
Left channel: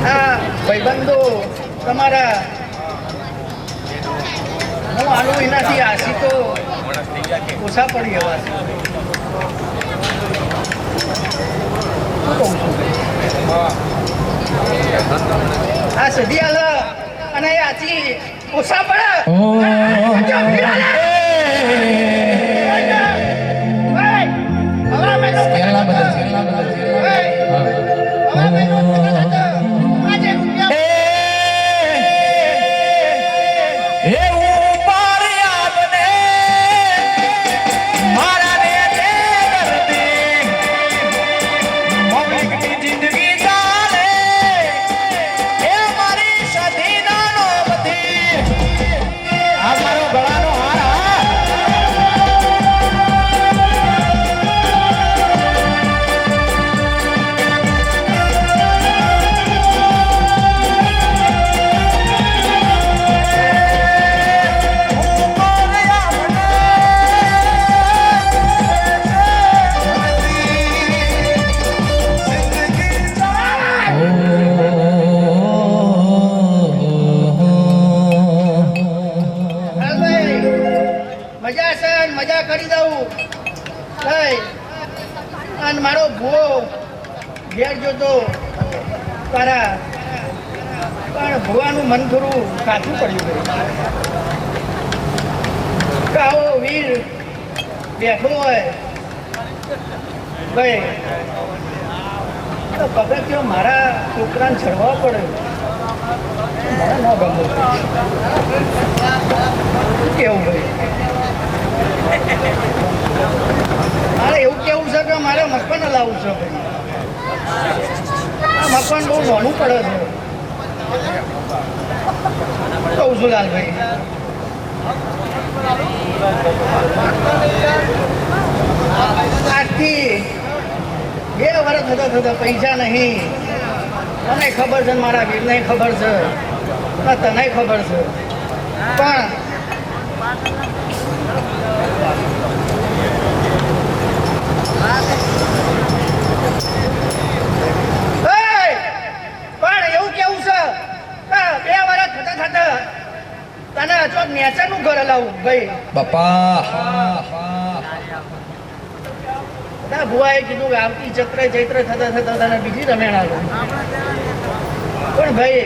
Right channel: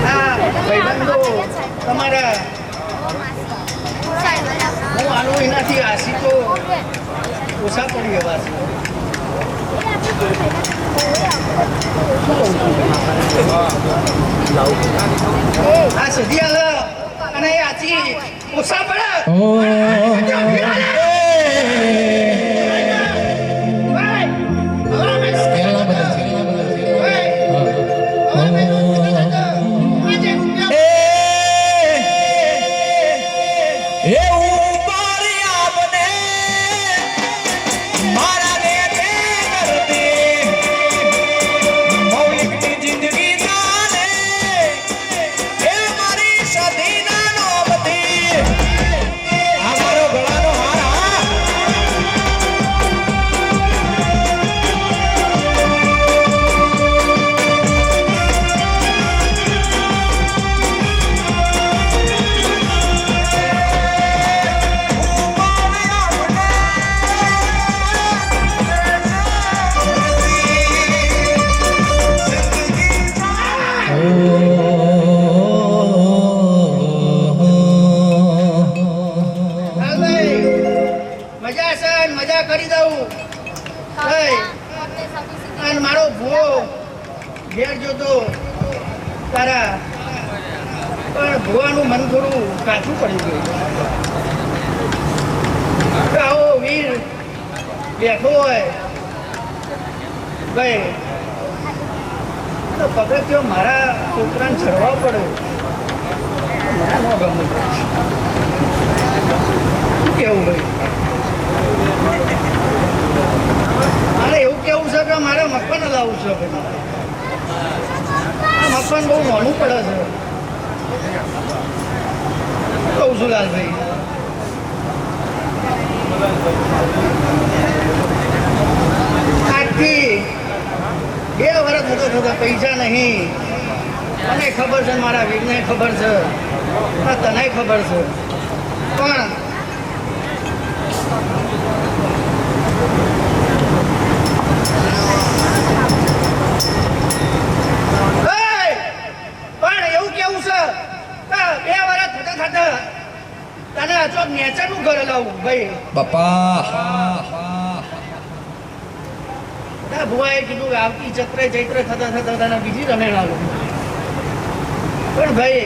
આ ભાઈબંધો તમારા હું આનો એનાથી આશિકો ઓછા પડી એવા છે આ સદી આલે અને એ આથી ઓછા પડે આ મારો ગળાનો હાર ભાઈ અને મારો ભૂવો ઘેર જોતો તારા પણ ભૂવાનું મન થોડું કાચું પડી ગયું કે આવો વીર બેઠો હોય ભાઈ તો પગથિયો મારા છોકરાને ચડવા પડે મારા ન ગમે શું કેવું ભાઈ મારે એવું કેવું છે કે મારે મકાન લાવવું છે ભાઈ આ મકાન બહુ મોડું પડે છે કહું છું લાલભાઈ આજથી 2 વર્ષ થતા પૈસા નહીં મને ખબર છે મારા વીરને ખબર છે તને ખબર છે પણ એવું કેવું છે કે 2 વર્ષ થતા તને અચોક નેચરનું ઘર લાવું ભાઈ બાપા ભુવાએ કીધું કે આવતી ચૈત્રે થતા તને બીજી રમેણ આવો પણ ભાઈ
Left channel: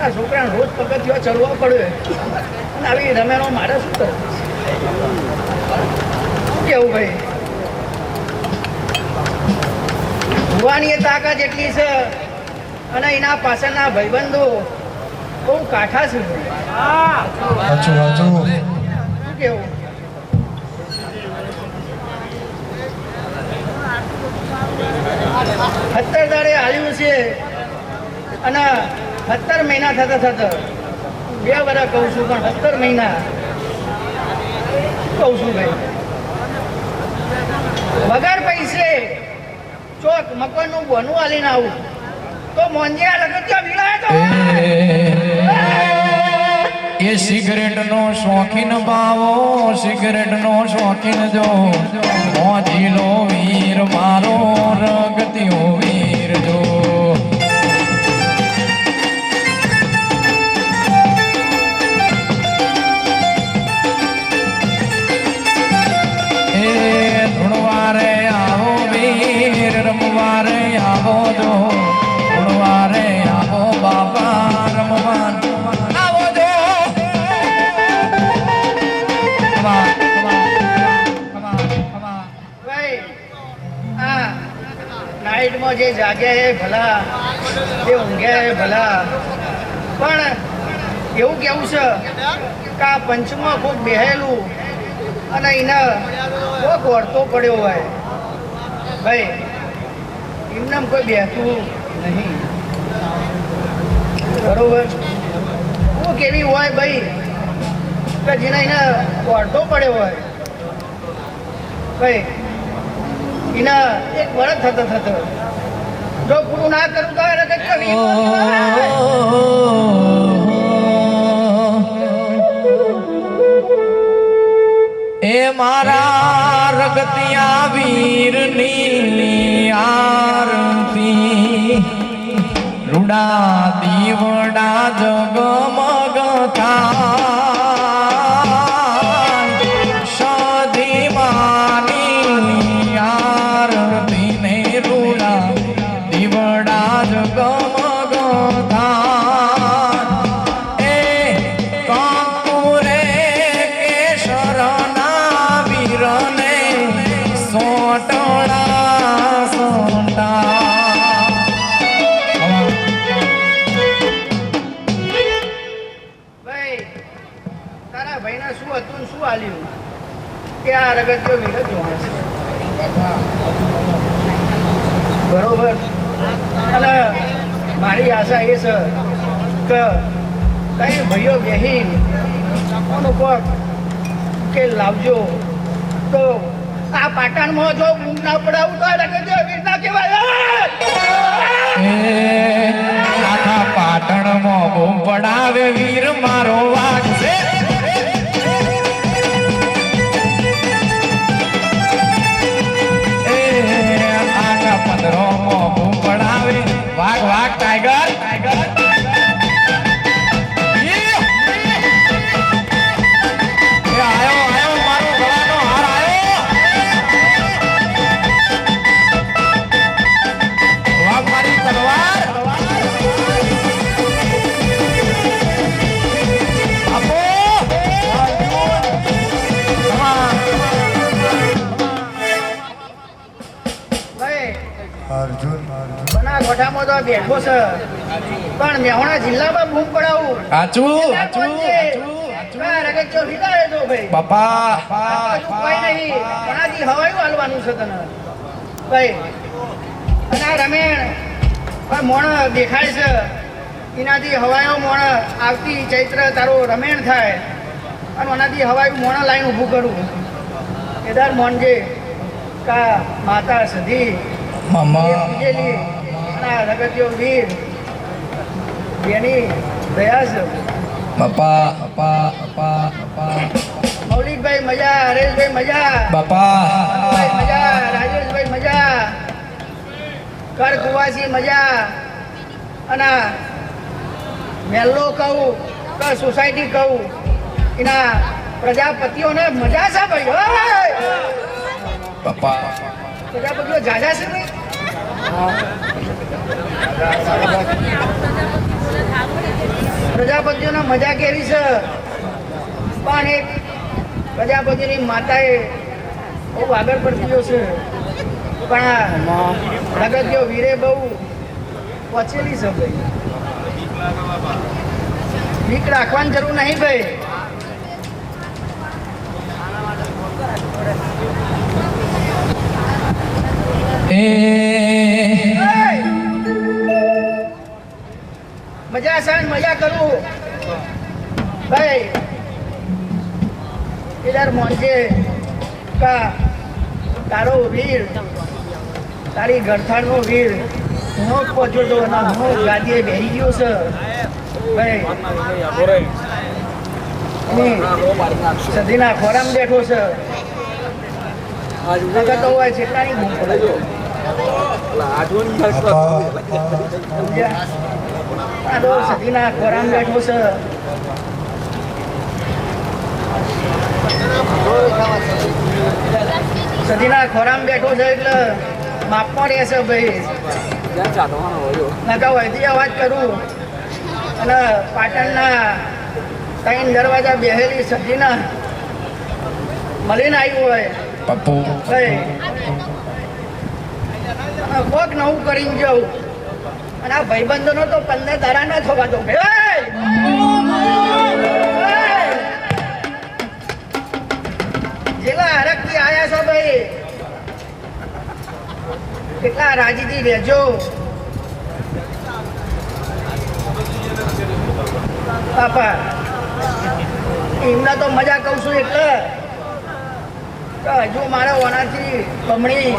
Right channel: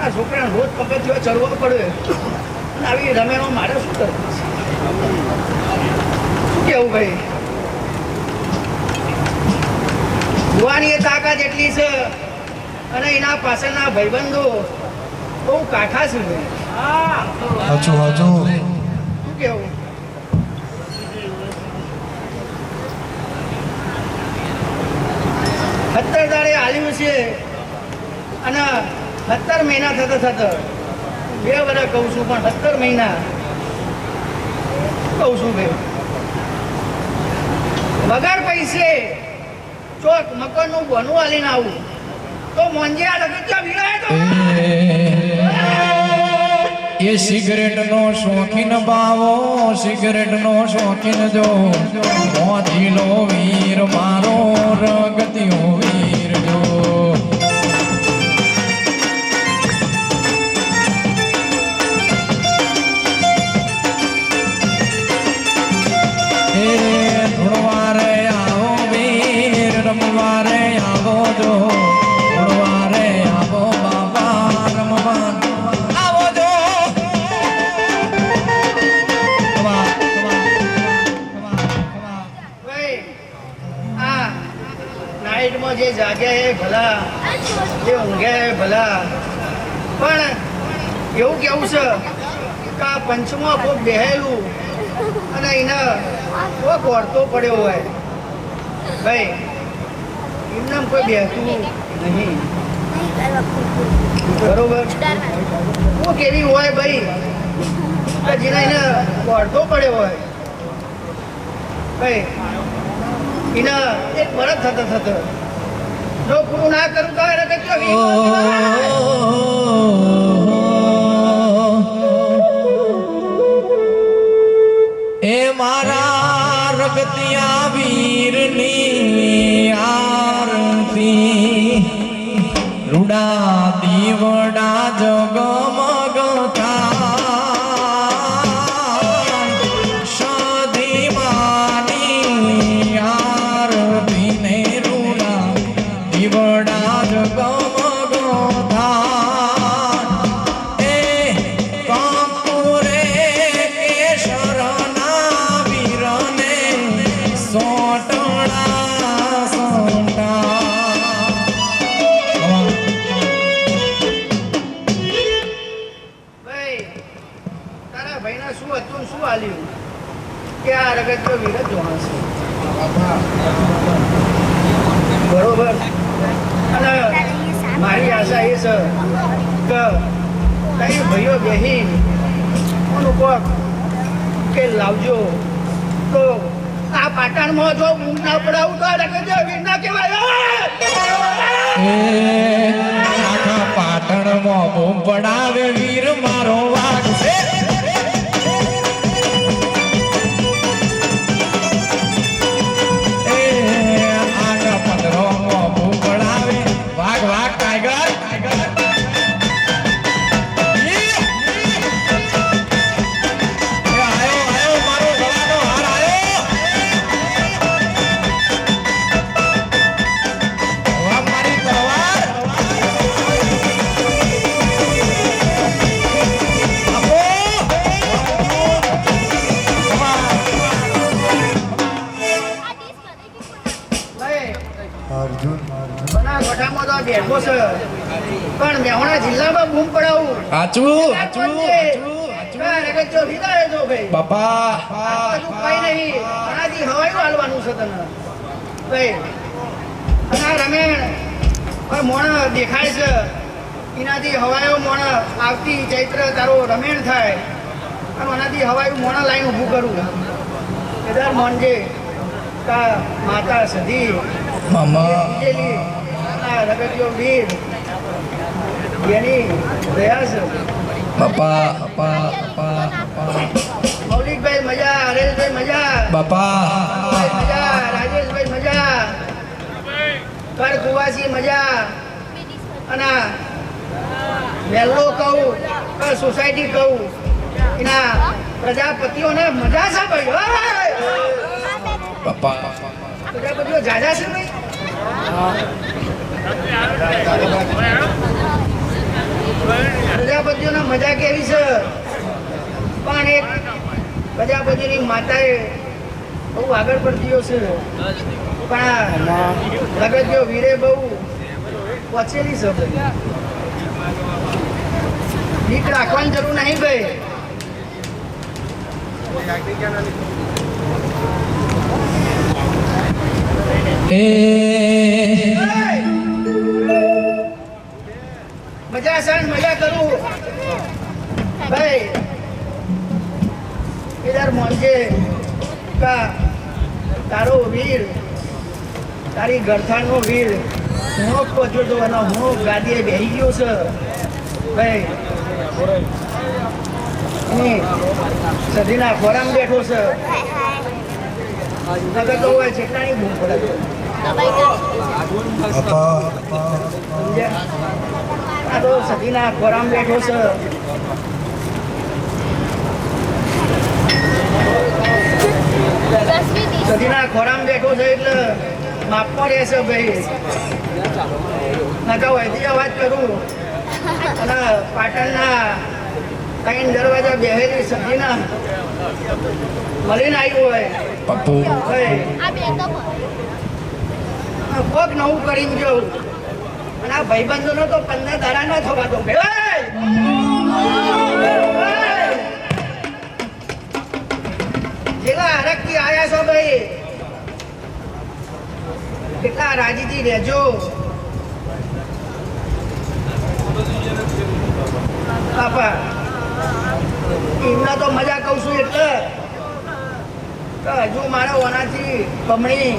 આ છોકરાને રોજ પગથિયો ચડવો પડે અને આવી રમેણો મારે શું કરવું શું કેવું ભાઈ ભુવાની એ તાકાત એટલી છે અને એના પાછળના ભાઈબંધો બહુ કાઠા છે ભાઈ શું કેવું સત્તર દાડે આવ્યું છે અને 17 મહિના થતા 2 વર્ષ કહું છું પણ 17 મહિના કહું છું ભાઈ વગર પૈસે ચોક મકાનનું બોનું આલીને આવું તો મોંજિયા લગત્યા વિલાય તો એ સિગરેટ નો શોખીન બાવો સિગરેટ નો શોખીન જો મોજીલો વીર મારો રગતિયો વીર જો એ ધૂણવારે આવો વીર રમવારે આવો જો ધૂણવારે આવો બાપા રમવા નાઇટમાં જે જાગે એ ભલા જે ઊંઘે એ ભલા પણ એવું કેવું છે કે આ પંચમાં ખૂબ બેહેલું અને એને કોક વળતો પડ્યો હોય ભાઈ એમને કોઈ બેહતું નહીં બરોબર કોક એવી હોય ભાઈ કે જેને એને વળતો પડ્યો હોય ભાઈ એના 1 વર્ષ થતા જો પૂરું ના કરું તો એ મારા રગતિયા વીરની આરતી રૂડા દીવડા જગમગ કે આ રગતિયો વીર જ જોવા છે બરોબર અને મારી આશા એ છે કે કઈ ભાઈઓ બેહી અમુક કે લાવજો તો આ પાટણમાં જો ઊંઘ ના પડાવું તો રગતિયો વીર ના કહેવાય આખા પાટણમાં બૂમ પડાવે વીર મારો વાઘ છે टाइगर टाइगर आयो आयो मारो गळानो हार आयो મોઢામાં તો આ બેઠો છે પણ મેહોણા જિલ્લામાં બૂમ પડાવું સાચું રગત વિદાય તો ભાઈ બાપા તું કઈ નહીં ઘણાથી હવાયું હાલવાનું છે તને ભાઈ અને આ રમેણ પણ મોણ દેખાય છે એનાથી હવાયો મોણ આવતી ચૈત્ર તારું રમેણ થાય અને એનાથી હવાયું મોણ લાઈન ઊભું કરું કેદાર મોનજે કા માતા સધી બીજેલી રગતીઓ વીર એની દયા છે બાપા મૌલિકભાઈ મજા હરેશભાઈ મજા બાપા ભાઈ મજા રાજેશભાઈ મજા કર કુવાસી મજા અને મેલ્લો કહું કે સોસાયટી કહું એના પ્રજાપતિઓને મજા છે ભાઈ બાપા પ્રજાપતિઓ જાજા છે ભાઈ પ્રજાપતિઓને મજા કેવી છે પણ એક પ્રજાપતિની માતાએ બહુ આગળ પડતીઓ છે પણ લગતીઓ વીરે બહુ પચેલી છે ભાઈ બીક રાખવાની જરૂર નહીં ભાઈ મજા છે મજા કરું ભાઈ કેદાર મોનજે કા તારો વીર તારી ગરથાણનો વીર હું પહોંચ્યો તો અને હું ગાદીએ બેસી ગયો છે ભાઈ સધીના ખોરામ બેઠો છે નગર તો હોય જેટલાની બૂમ પડે આ તો સધીના ખોરામ બેઠો છે સધીના ખોરામ બેઠો છે એટલે માપમાં રહેશે ભાઈ નકા વૈદી અવાજ કરું અને પાટણના કઈ દરવાજા બેહેલી સધીના મળીને આવ્યું હોય પપ્પુ ભાઈ કોક નવું કરીને જવું અને આ ભાઈબંધોનો તો 15 તારા ન થવા દો જેલા હરકથી આયા છો ભાઈ કેટલા રાજીથી રહેજો બાપા એમના તો મજા કહું છું એટલે હજુ મારા ઓનાથી બમણી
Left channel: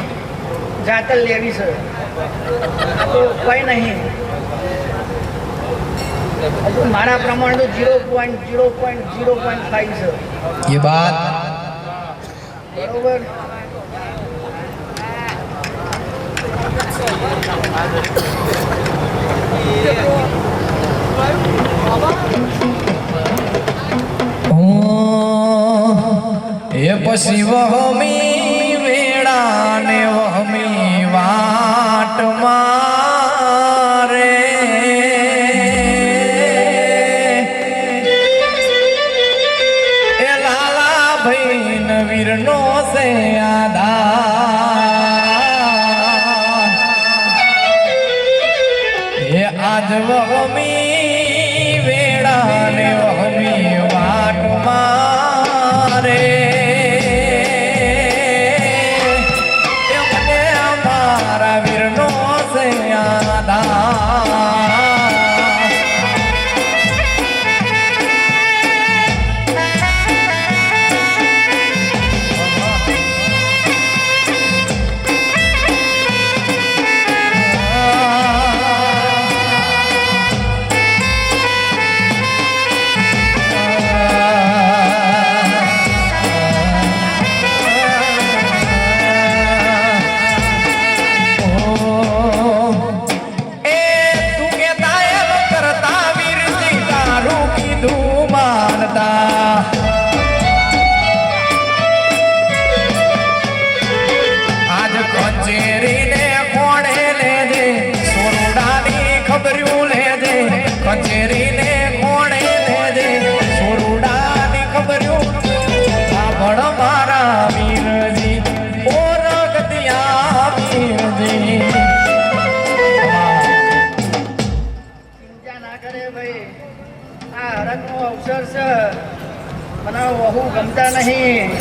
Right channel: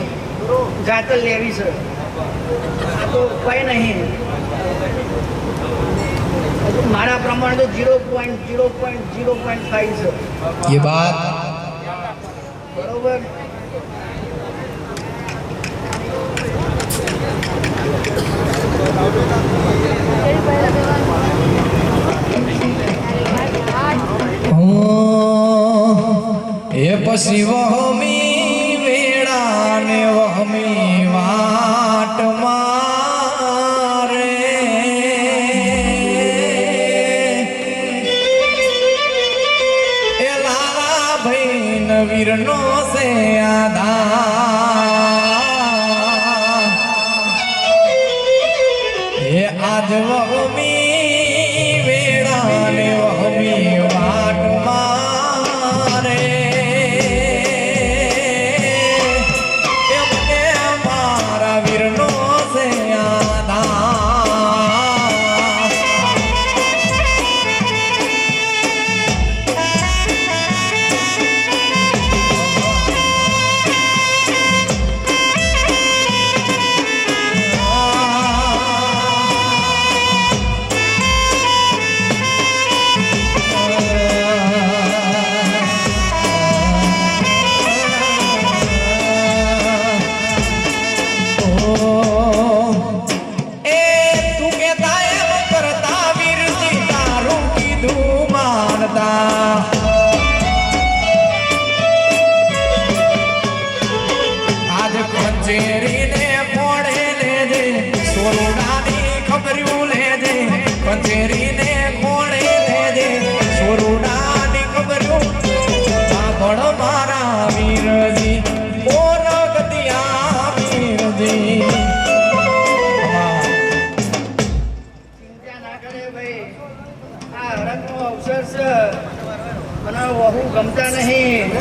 જાતલ લેવી છે આ તો કઈ નહીં હજુ મારા પ્રમાણે તો 0.0.0.5 છે ये बात બરોબર એ પછી વહમી વેળા ને વહમી વાટ મારે એ લાલા ભાઈ નવીર નો છે આધાર એ આજ વહમી વેળા ને વહમી વાટ મારે વીરનો છે આધાર ગમતા નહીં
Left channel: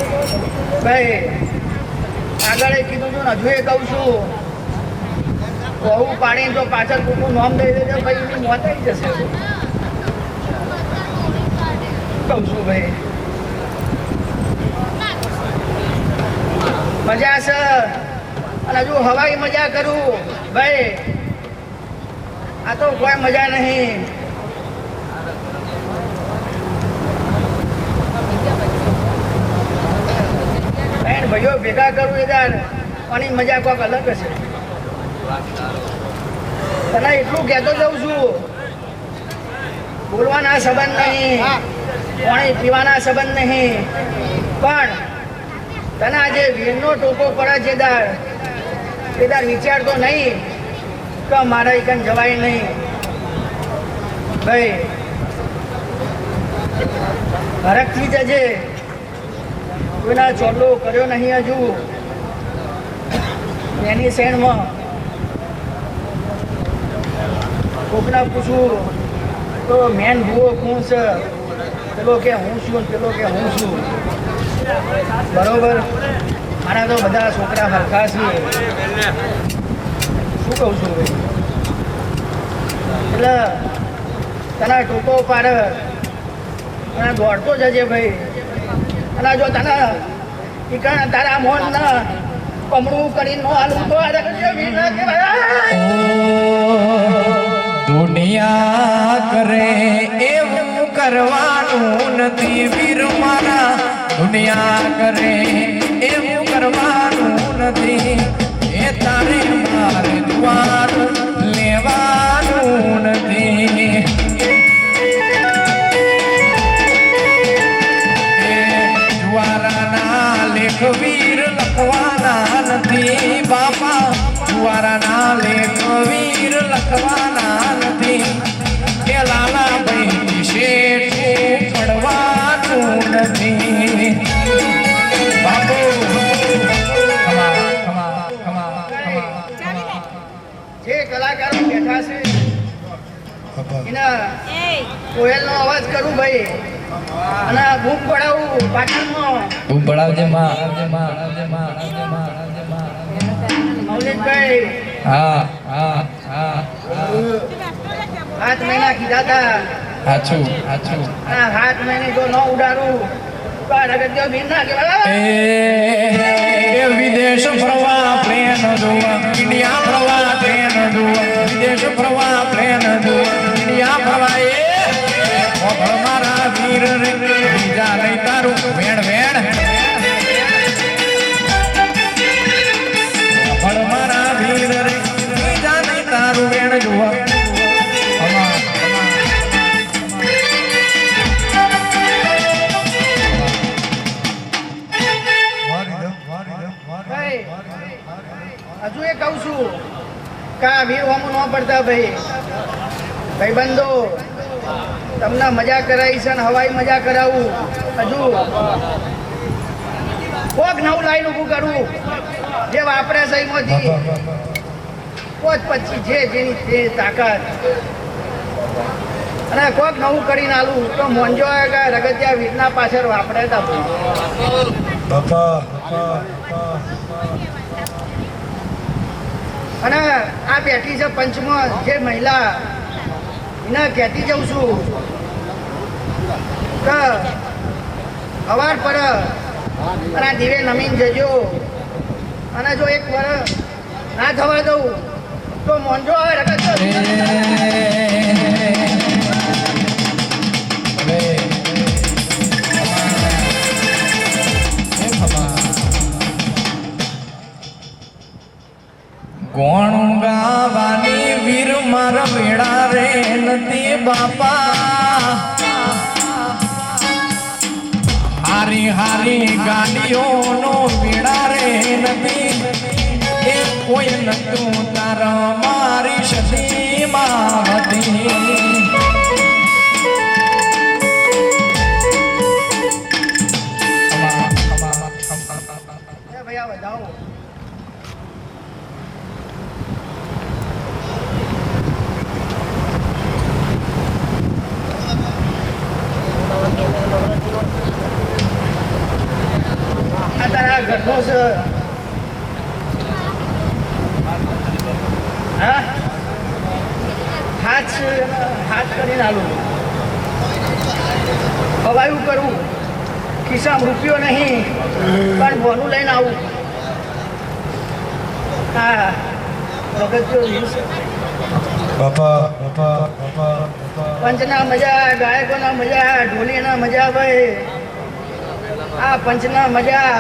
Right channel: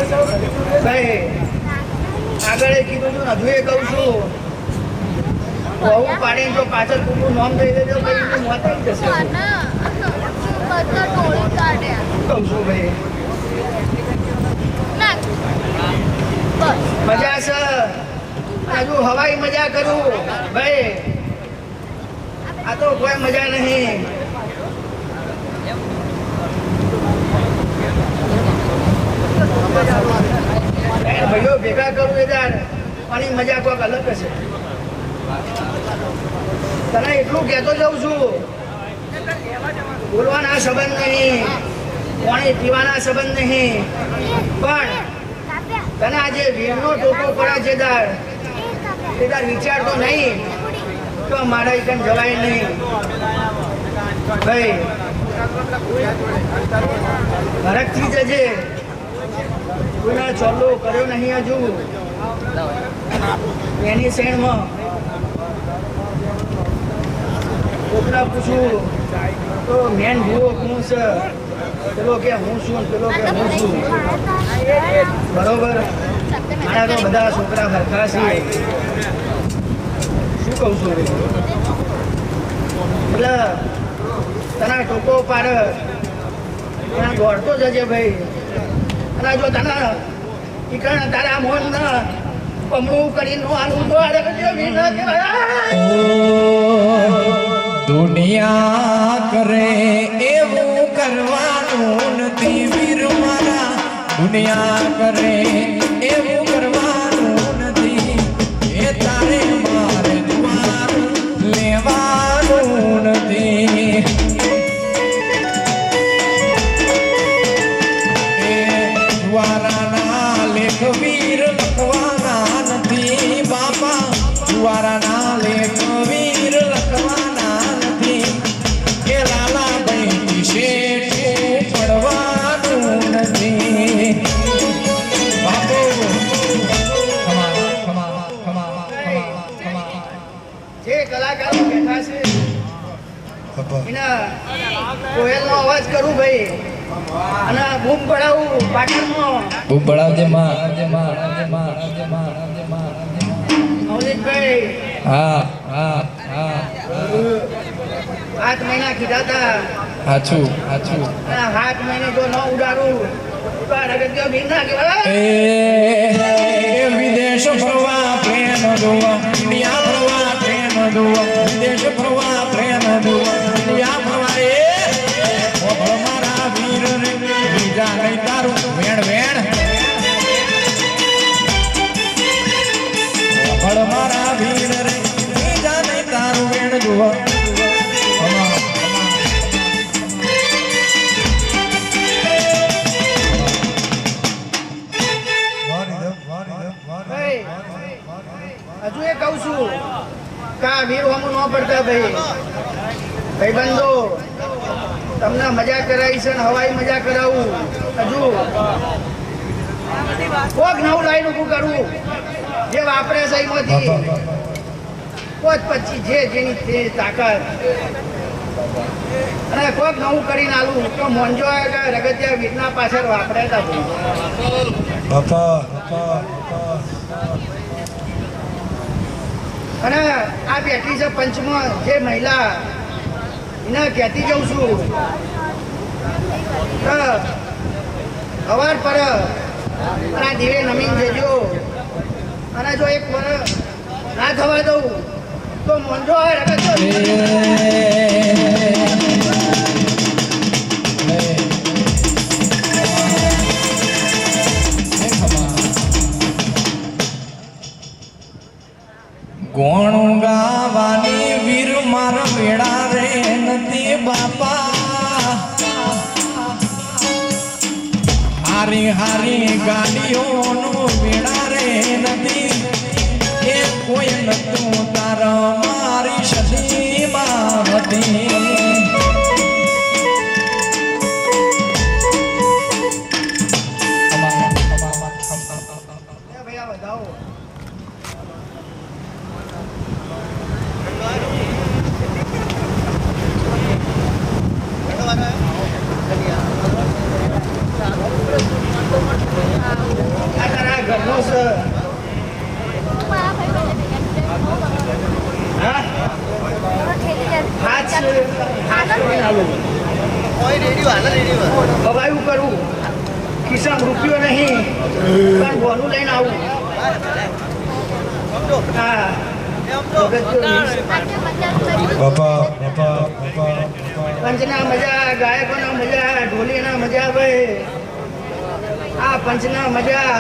ભાઈ. આગળ એ કીધું છું ને હજુ એ કહું છું, બહુ પાડીને તો પાછળ કોઈનું નામ દઈ દેજો ભાઈ, એનું મોત આવી જશે. કહું છું ભાઈ, મજા છે અને હજુ હવાઈ મજા કરું ભાઈ. આ તો કોઈ મજા નહીં. ભાઈઓ ભેગા કરું યાર, આની મજા કોઈક અલગ હશે. તને એટલું કહેતો જાઉં છું, બોલવાના સંબંધ નહીં, પાણી પીવાના સંબંધ નહીં, પણ તને આજે વીરનો ટોકો પડે છે દાર, એ દાર વિચારતો નહીં તો મારા એકન જવાય નહીં ભાઈ. હરખથી જજે, કોઈના ચોલ્લો કર્યો નહીં હજુ એની શેણમાં. કોકના પૂછું તો મેન ભૂવો કોણ છે, પેલો કે હું છું, પેલો કે હું છું. બરોબર, મારા તો બધા છોકરા હરખા છે. શું કહું છું ભાઈ, એટલે તને ટોકો પાર તને દોડતો જજે ભાઈ. અને જો તને ઠીકાણા તારા મોન ના કમળું કરી નો હાલું તો દુનિયા કરે એવું કરવાનું નથી વીર મારા, દુનિયા કરે એવું કરવાનું નથી. એ તારે મારે દ્વાર લેવાનું નથી. દ્વારાના લેખ વીર લખવાના નથી બાપા, દ્વારાના લેખ વીર લખવાના નથી. કે લાલાભાઈ શેઠ ચડવાનું નથી બાપુ. જે કલાકારો બેઠા છે એના કોયલનો અવાજ કરું ભાઈ, અને બૂમ પડાવું પાટણમાં. બૂમ પડાવજે માં. મૌલિકભાઈ હા હા હા 7 મહિના કીધા હતા, હાચું. અને 7 મહિને જો ન ઉડાડું તો આ રગત ભીન ના કહેવાય. એ વિદેશ ફરવા પ્લેન દોવા, ઇન્ડિયા ફરવા ટ્રેન દોવા, વિદેશ ફરવા પ્લેન દોવા, ઇન્ડિયા ફરવા. એ મારા વીર બીજા નહીં તારું વેણ વેણ. મારા વીર બીજા નહીં તારું વેણ જોવા. હજુ એ કહું છું કે આ વીર હોમ ન પડતા ભાઈ. ભાઈબંધો તમને મજા કરાવી છે ને હવાઈ મજા કરાવું. હજુ કોક નવું લાઈન ઊભું કરવું જે વાપરે છે એમાંથી 25 જે જેની તે તાકાત, અને કોક નવું કરીને આલું તો મોંજો કે રગતિયા વીરના પાછળ વાપરે હતા બાપા. અને આ બેઠી છે પંચમાં જે મહિલા, એને કહેતી જઉં છું કે અવાર પર આ દીવે નમીન જજો, અને જો એક વાર ના થવા દઉં તો મોંજો ગોણું ગાવાની વીર મારા વેળા રે નથી બાપા. હારી હારી ગાડીઓનો વેળા રે નથી. એ કોઈ નતું તારા મારી સદીમાં હતી. ભૈયા વધાવો. ઘરનો છે હા હાથ કરીને આલું હવે એવું કરવું ખિસ્સામાં રૂપિયો નહીં પણ બોનું લઈને આવું હા પંચના મજા ગાયકોના મજા ઢોલીના મજા ભાઈ આ પંચના મજા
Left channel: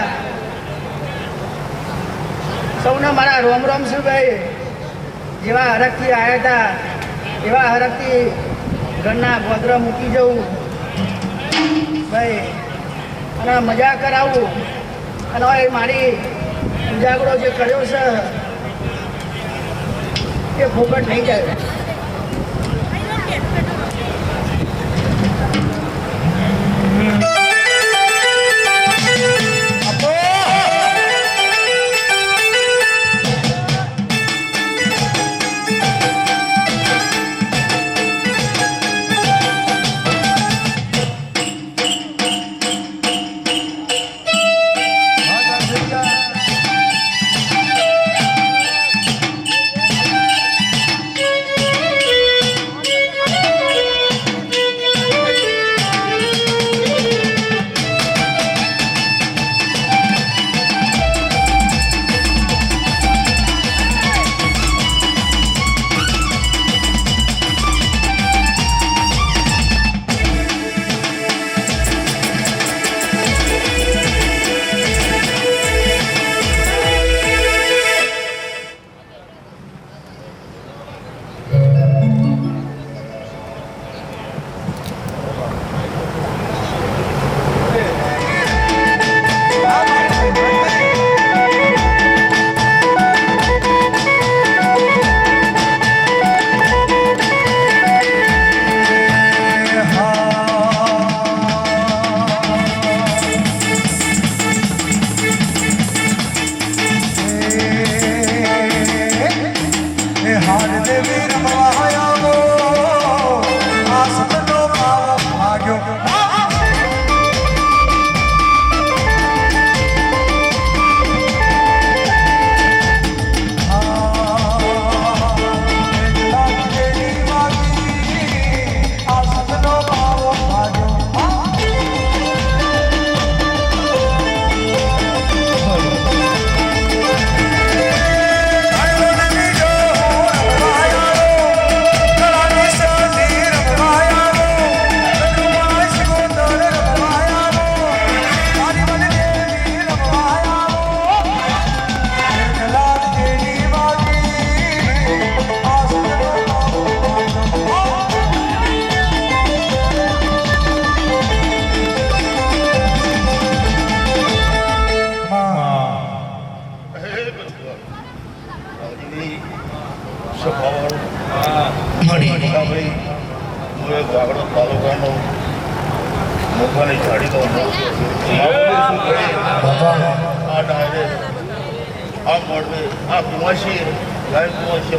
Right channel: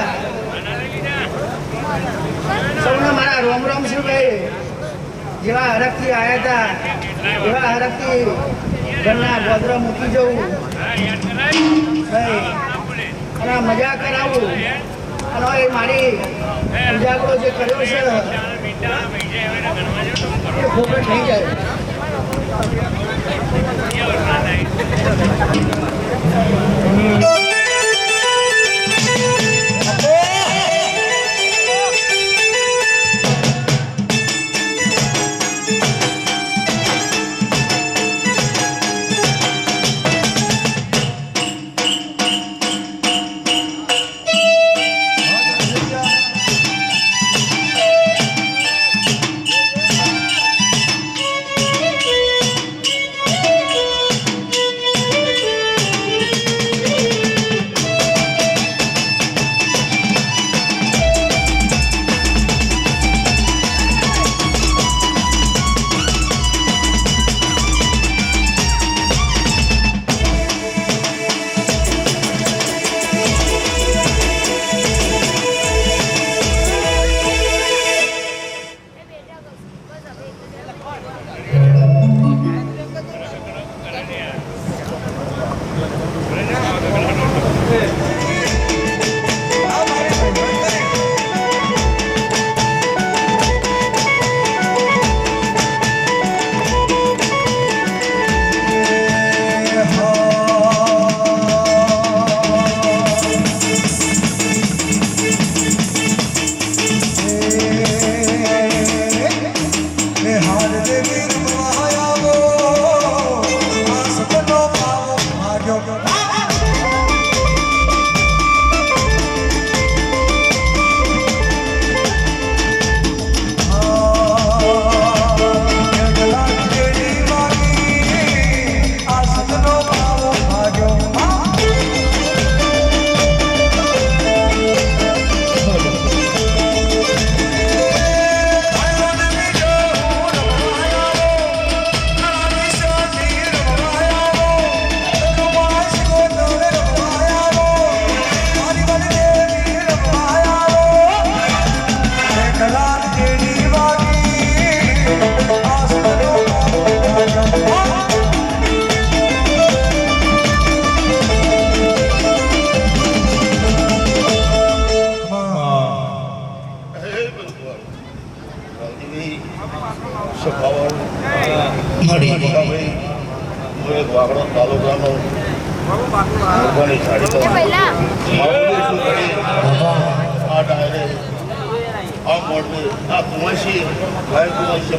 સૌને મારા રોમ રોમ છે ભાઈ જેવા હરખથી આવ્યા હતા એવા હરખથી ઘરના ગોદરા મૂકી જવું ભાઈ અને મજા કરાવું અને એ મારી ઉજાગરો જે કર્યો છે એ ફોકટ નહીં જાય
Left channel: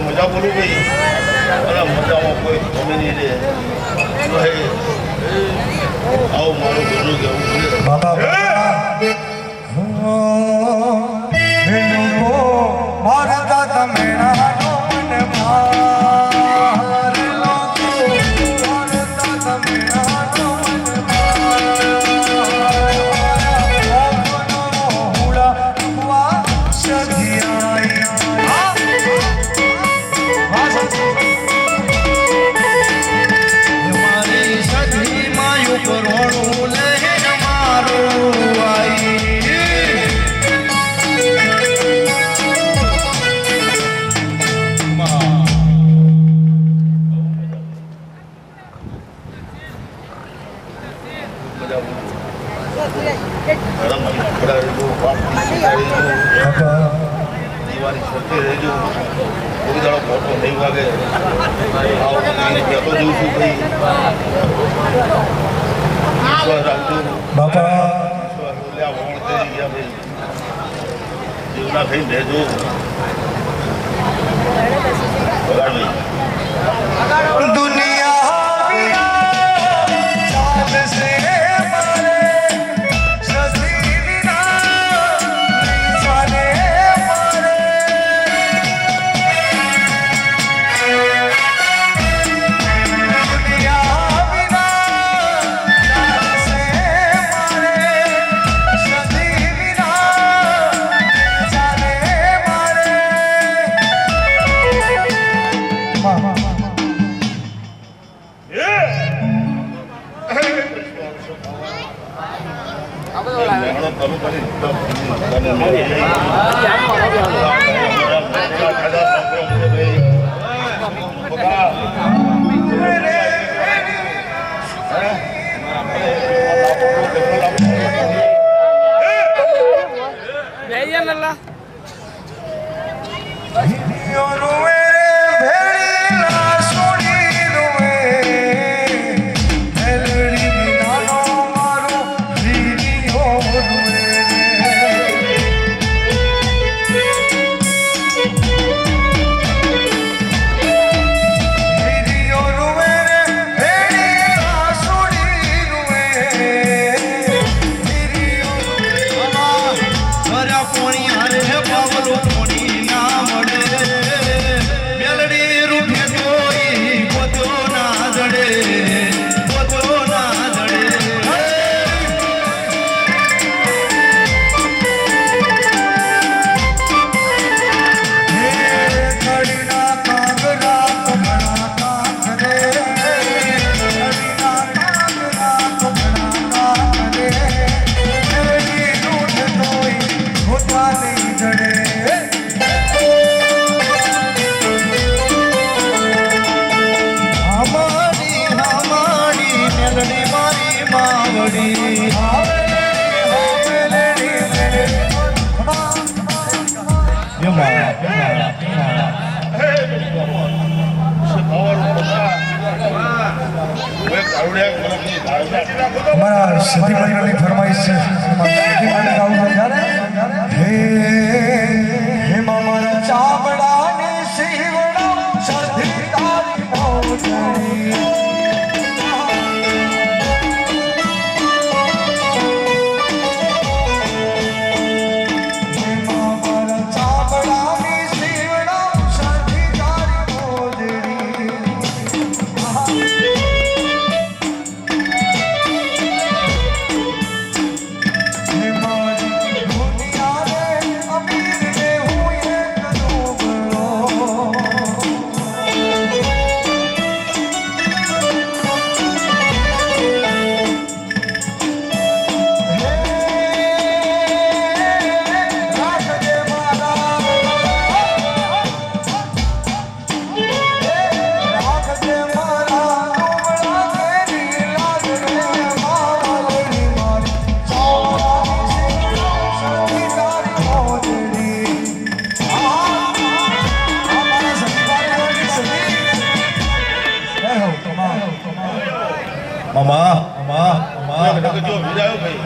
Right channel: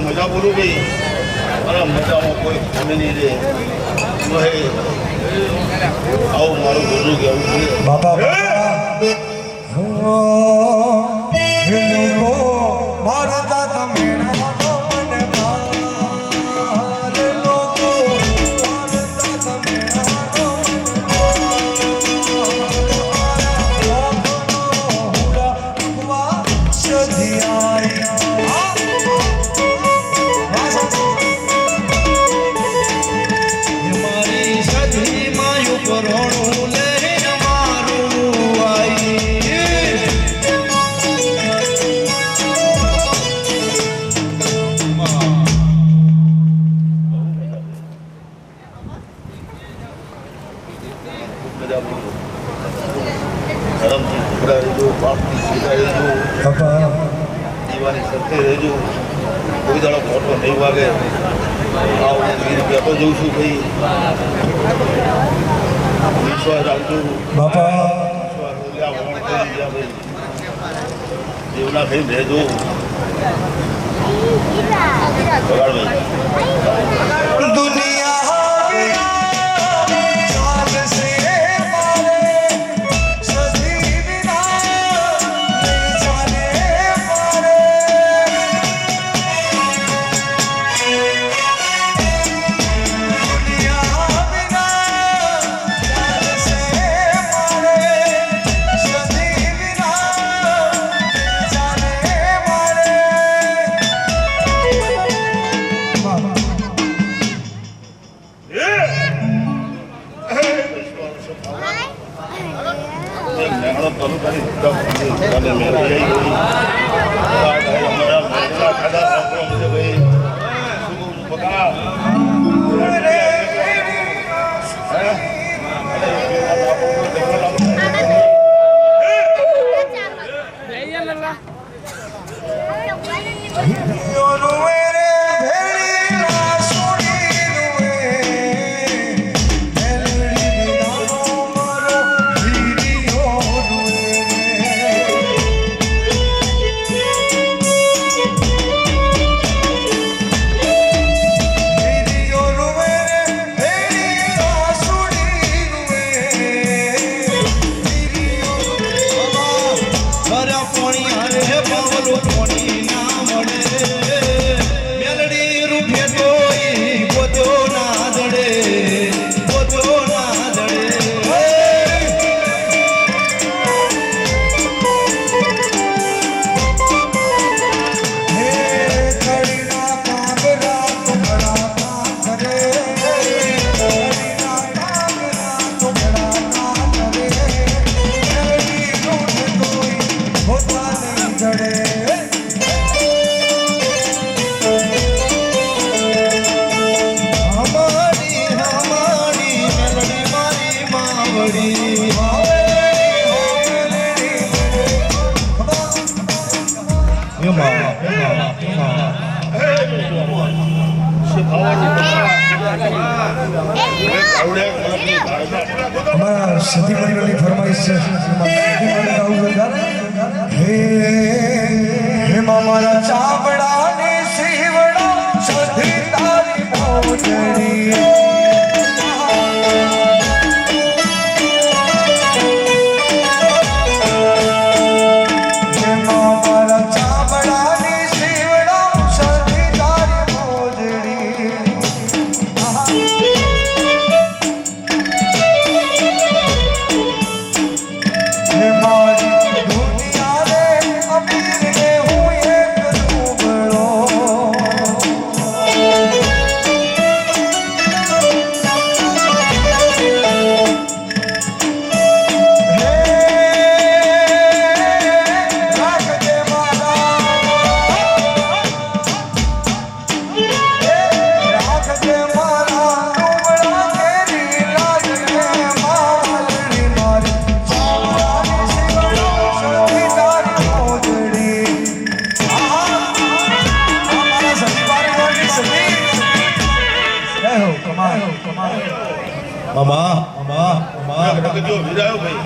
મજા બોલું ભાઈ અને મજામાં કોઈ તમે નહીં રે આવું મારું બોલું કેવું મારા તમે દીવાની સત્ય રહેજો કોઈ દાડો ફોટો નહીં વાગે કહેતો જઉં છું ભાઈ વિશ્વાસ રાખજો જીવના ખાઈને રહેજો બરાબર અમારા સતી પરિવારની ફરમાઈશ છે સતી માટે ગાવું છે ત્યારે હે મારા ચાબડાની સીવડા સધી તારી મોજડી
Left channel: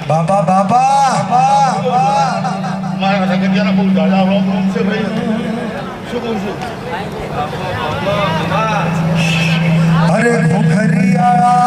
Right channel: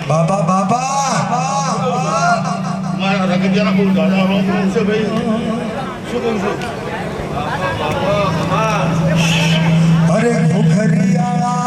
બાબા બાબા મારા રગતિયાના બહુ દાદા રોમ છે ભાઈ શું કહું છું અરે ભૂખરિયા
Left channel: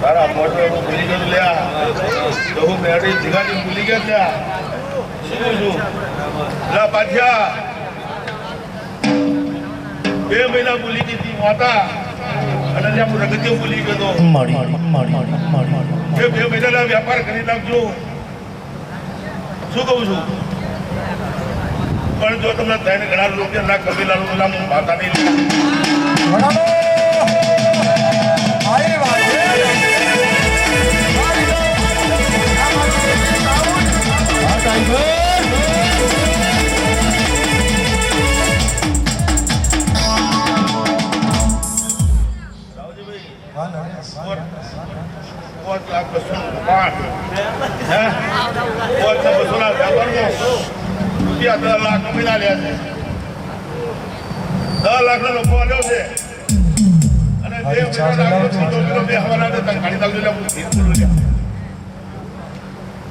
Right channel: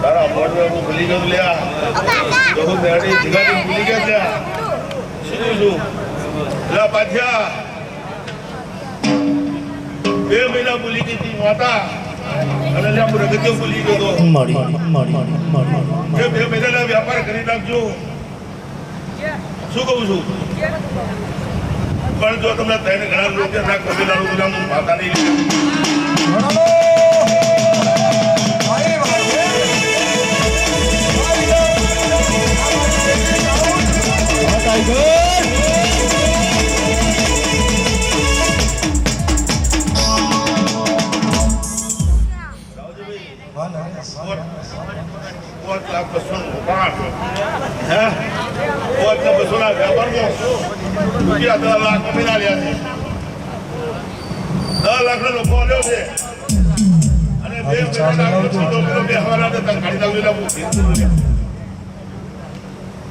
તારા મોઢું એવું ભૂલી ગયું લ્યા બહુ બેડી ધીગાથી ભૂલી ગયા લ્યા શું છું લા પાછા 2 મહિના ભૂલી ગઈ હતી માતા અને લ્યા હું રગતીઓ ભૂલી ગયો તો કે 2 મહિનાના વ્યાપાર કરી નાખજો શું કહું છું પણ જો તમને 3 ઘણા રૂપિયા ના કબીલાનું પેલા હું માતા નહીં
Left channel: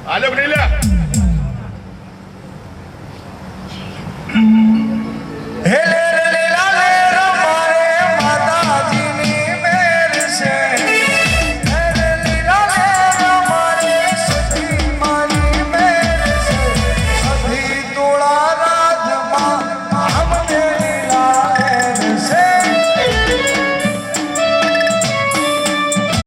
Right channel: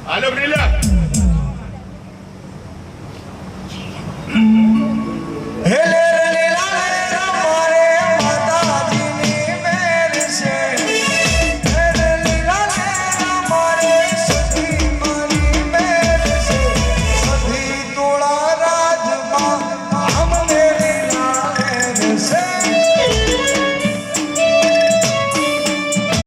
આલો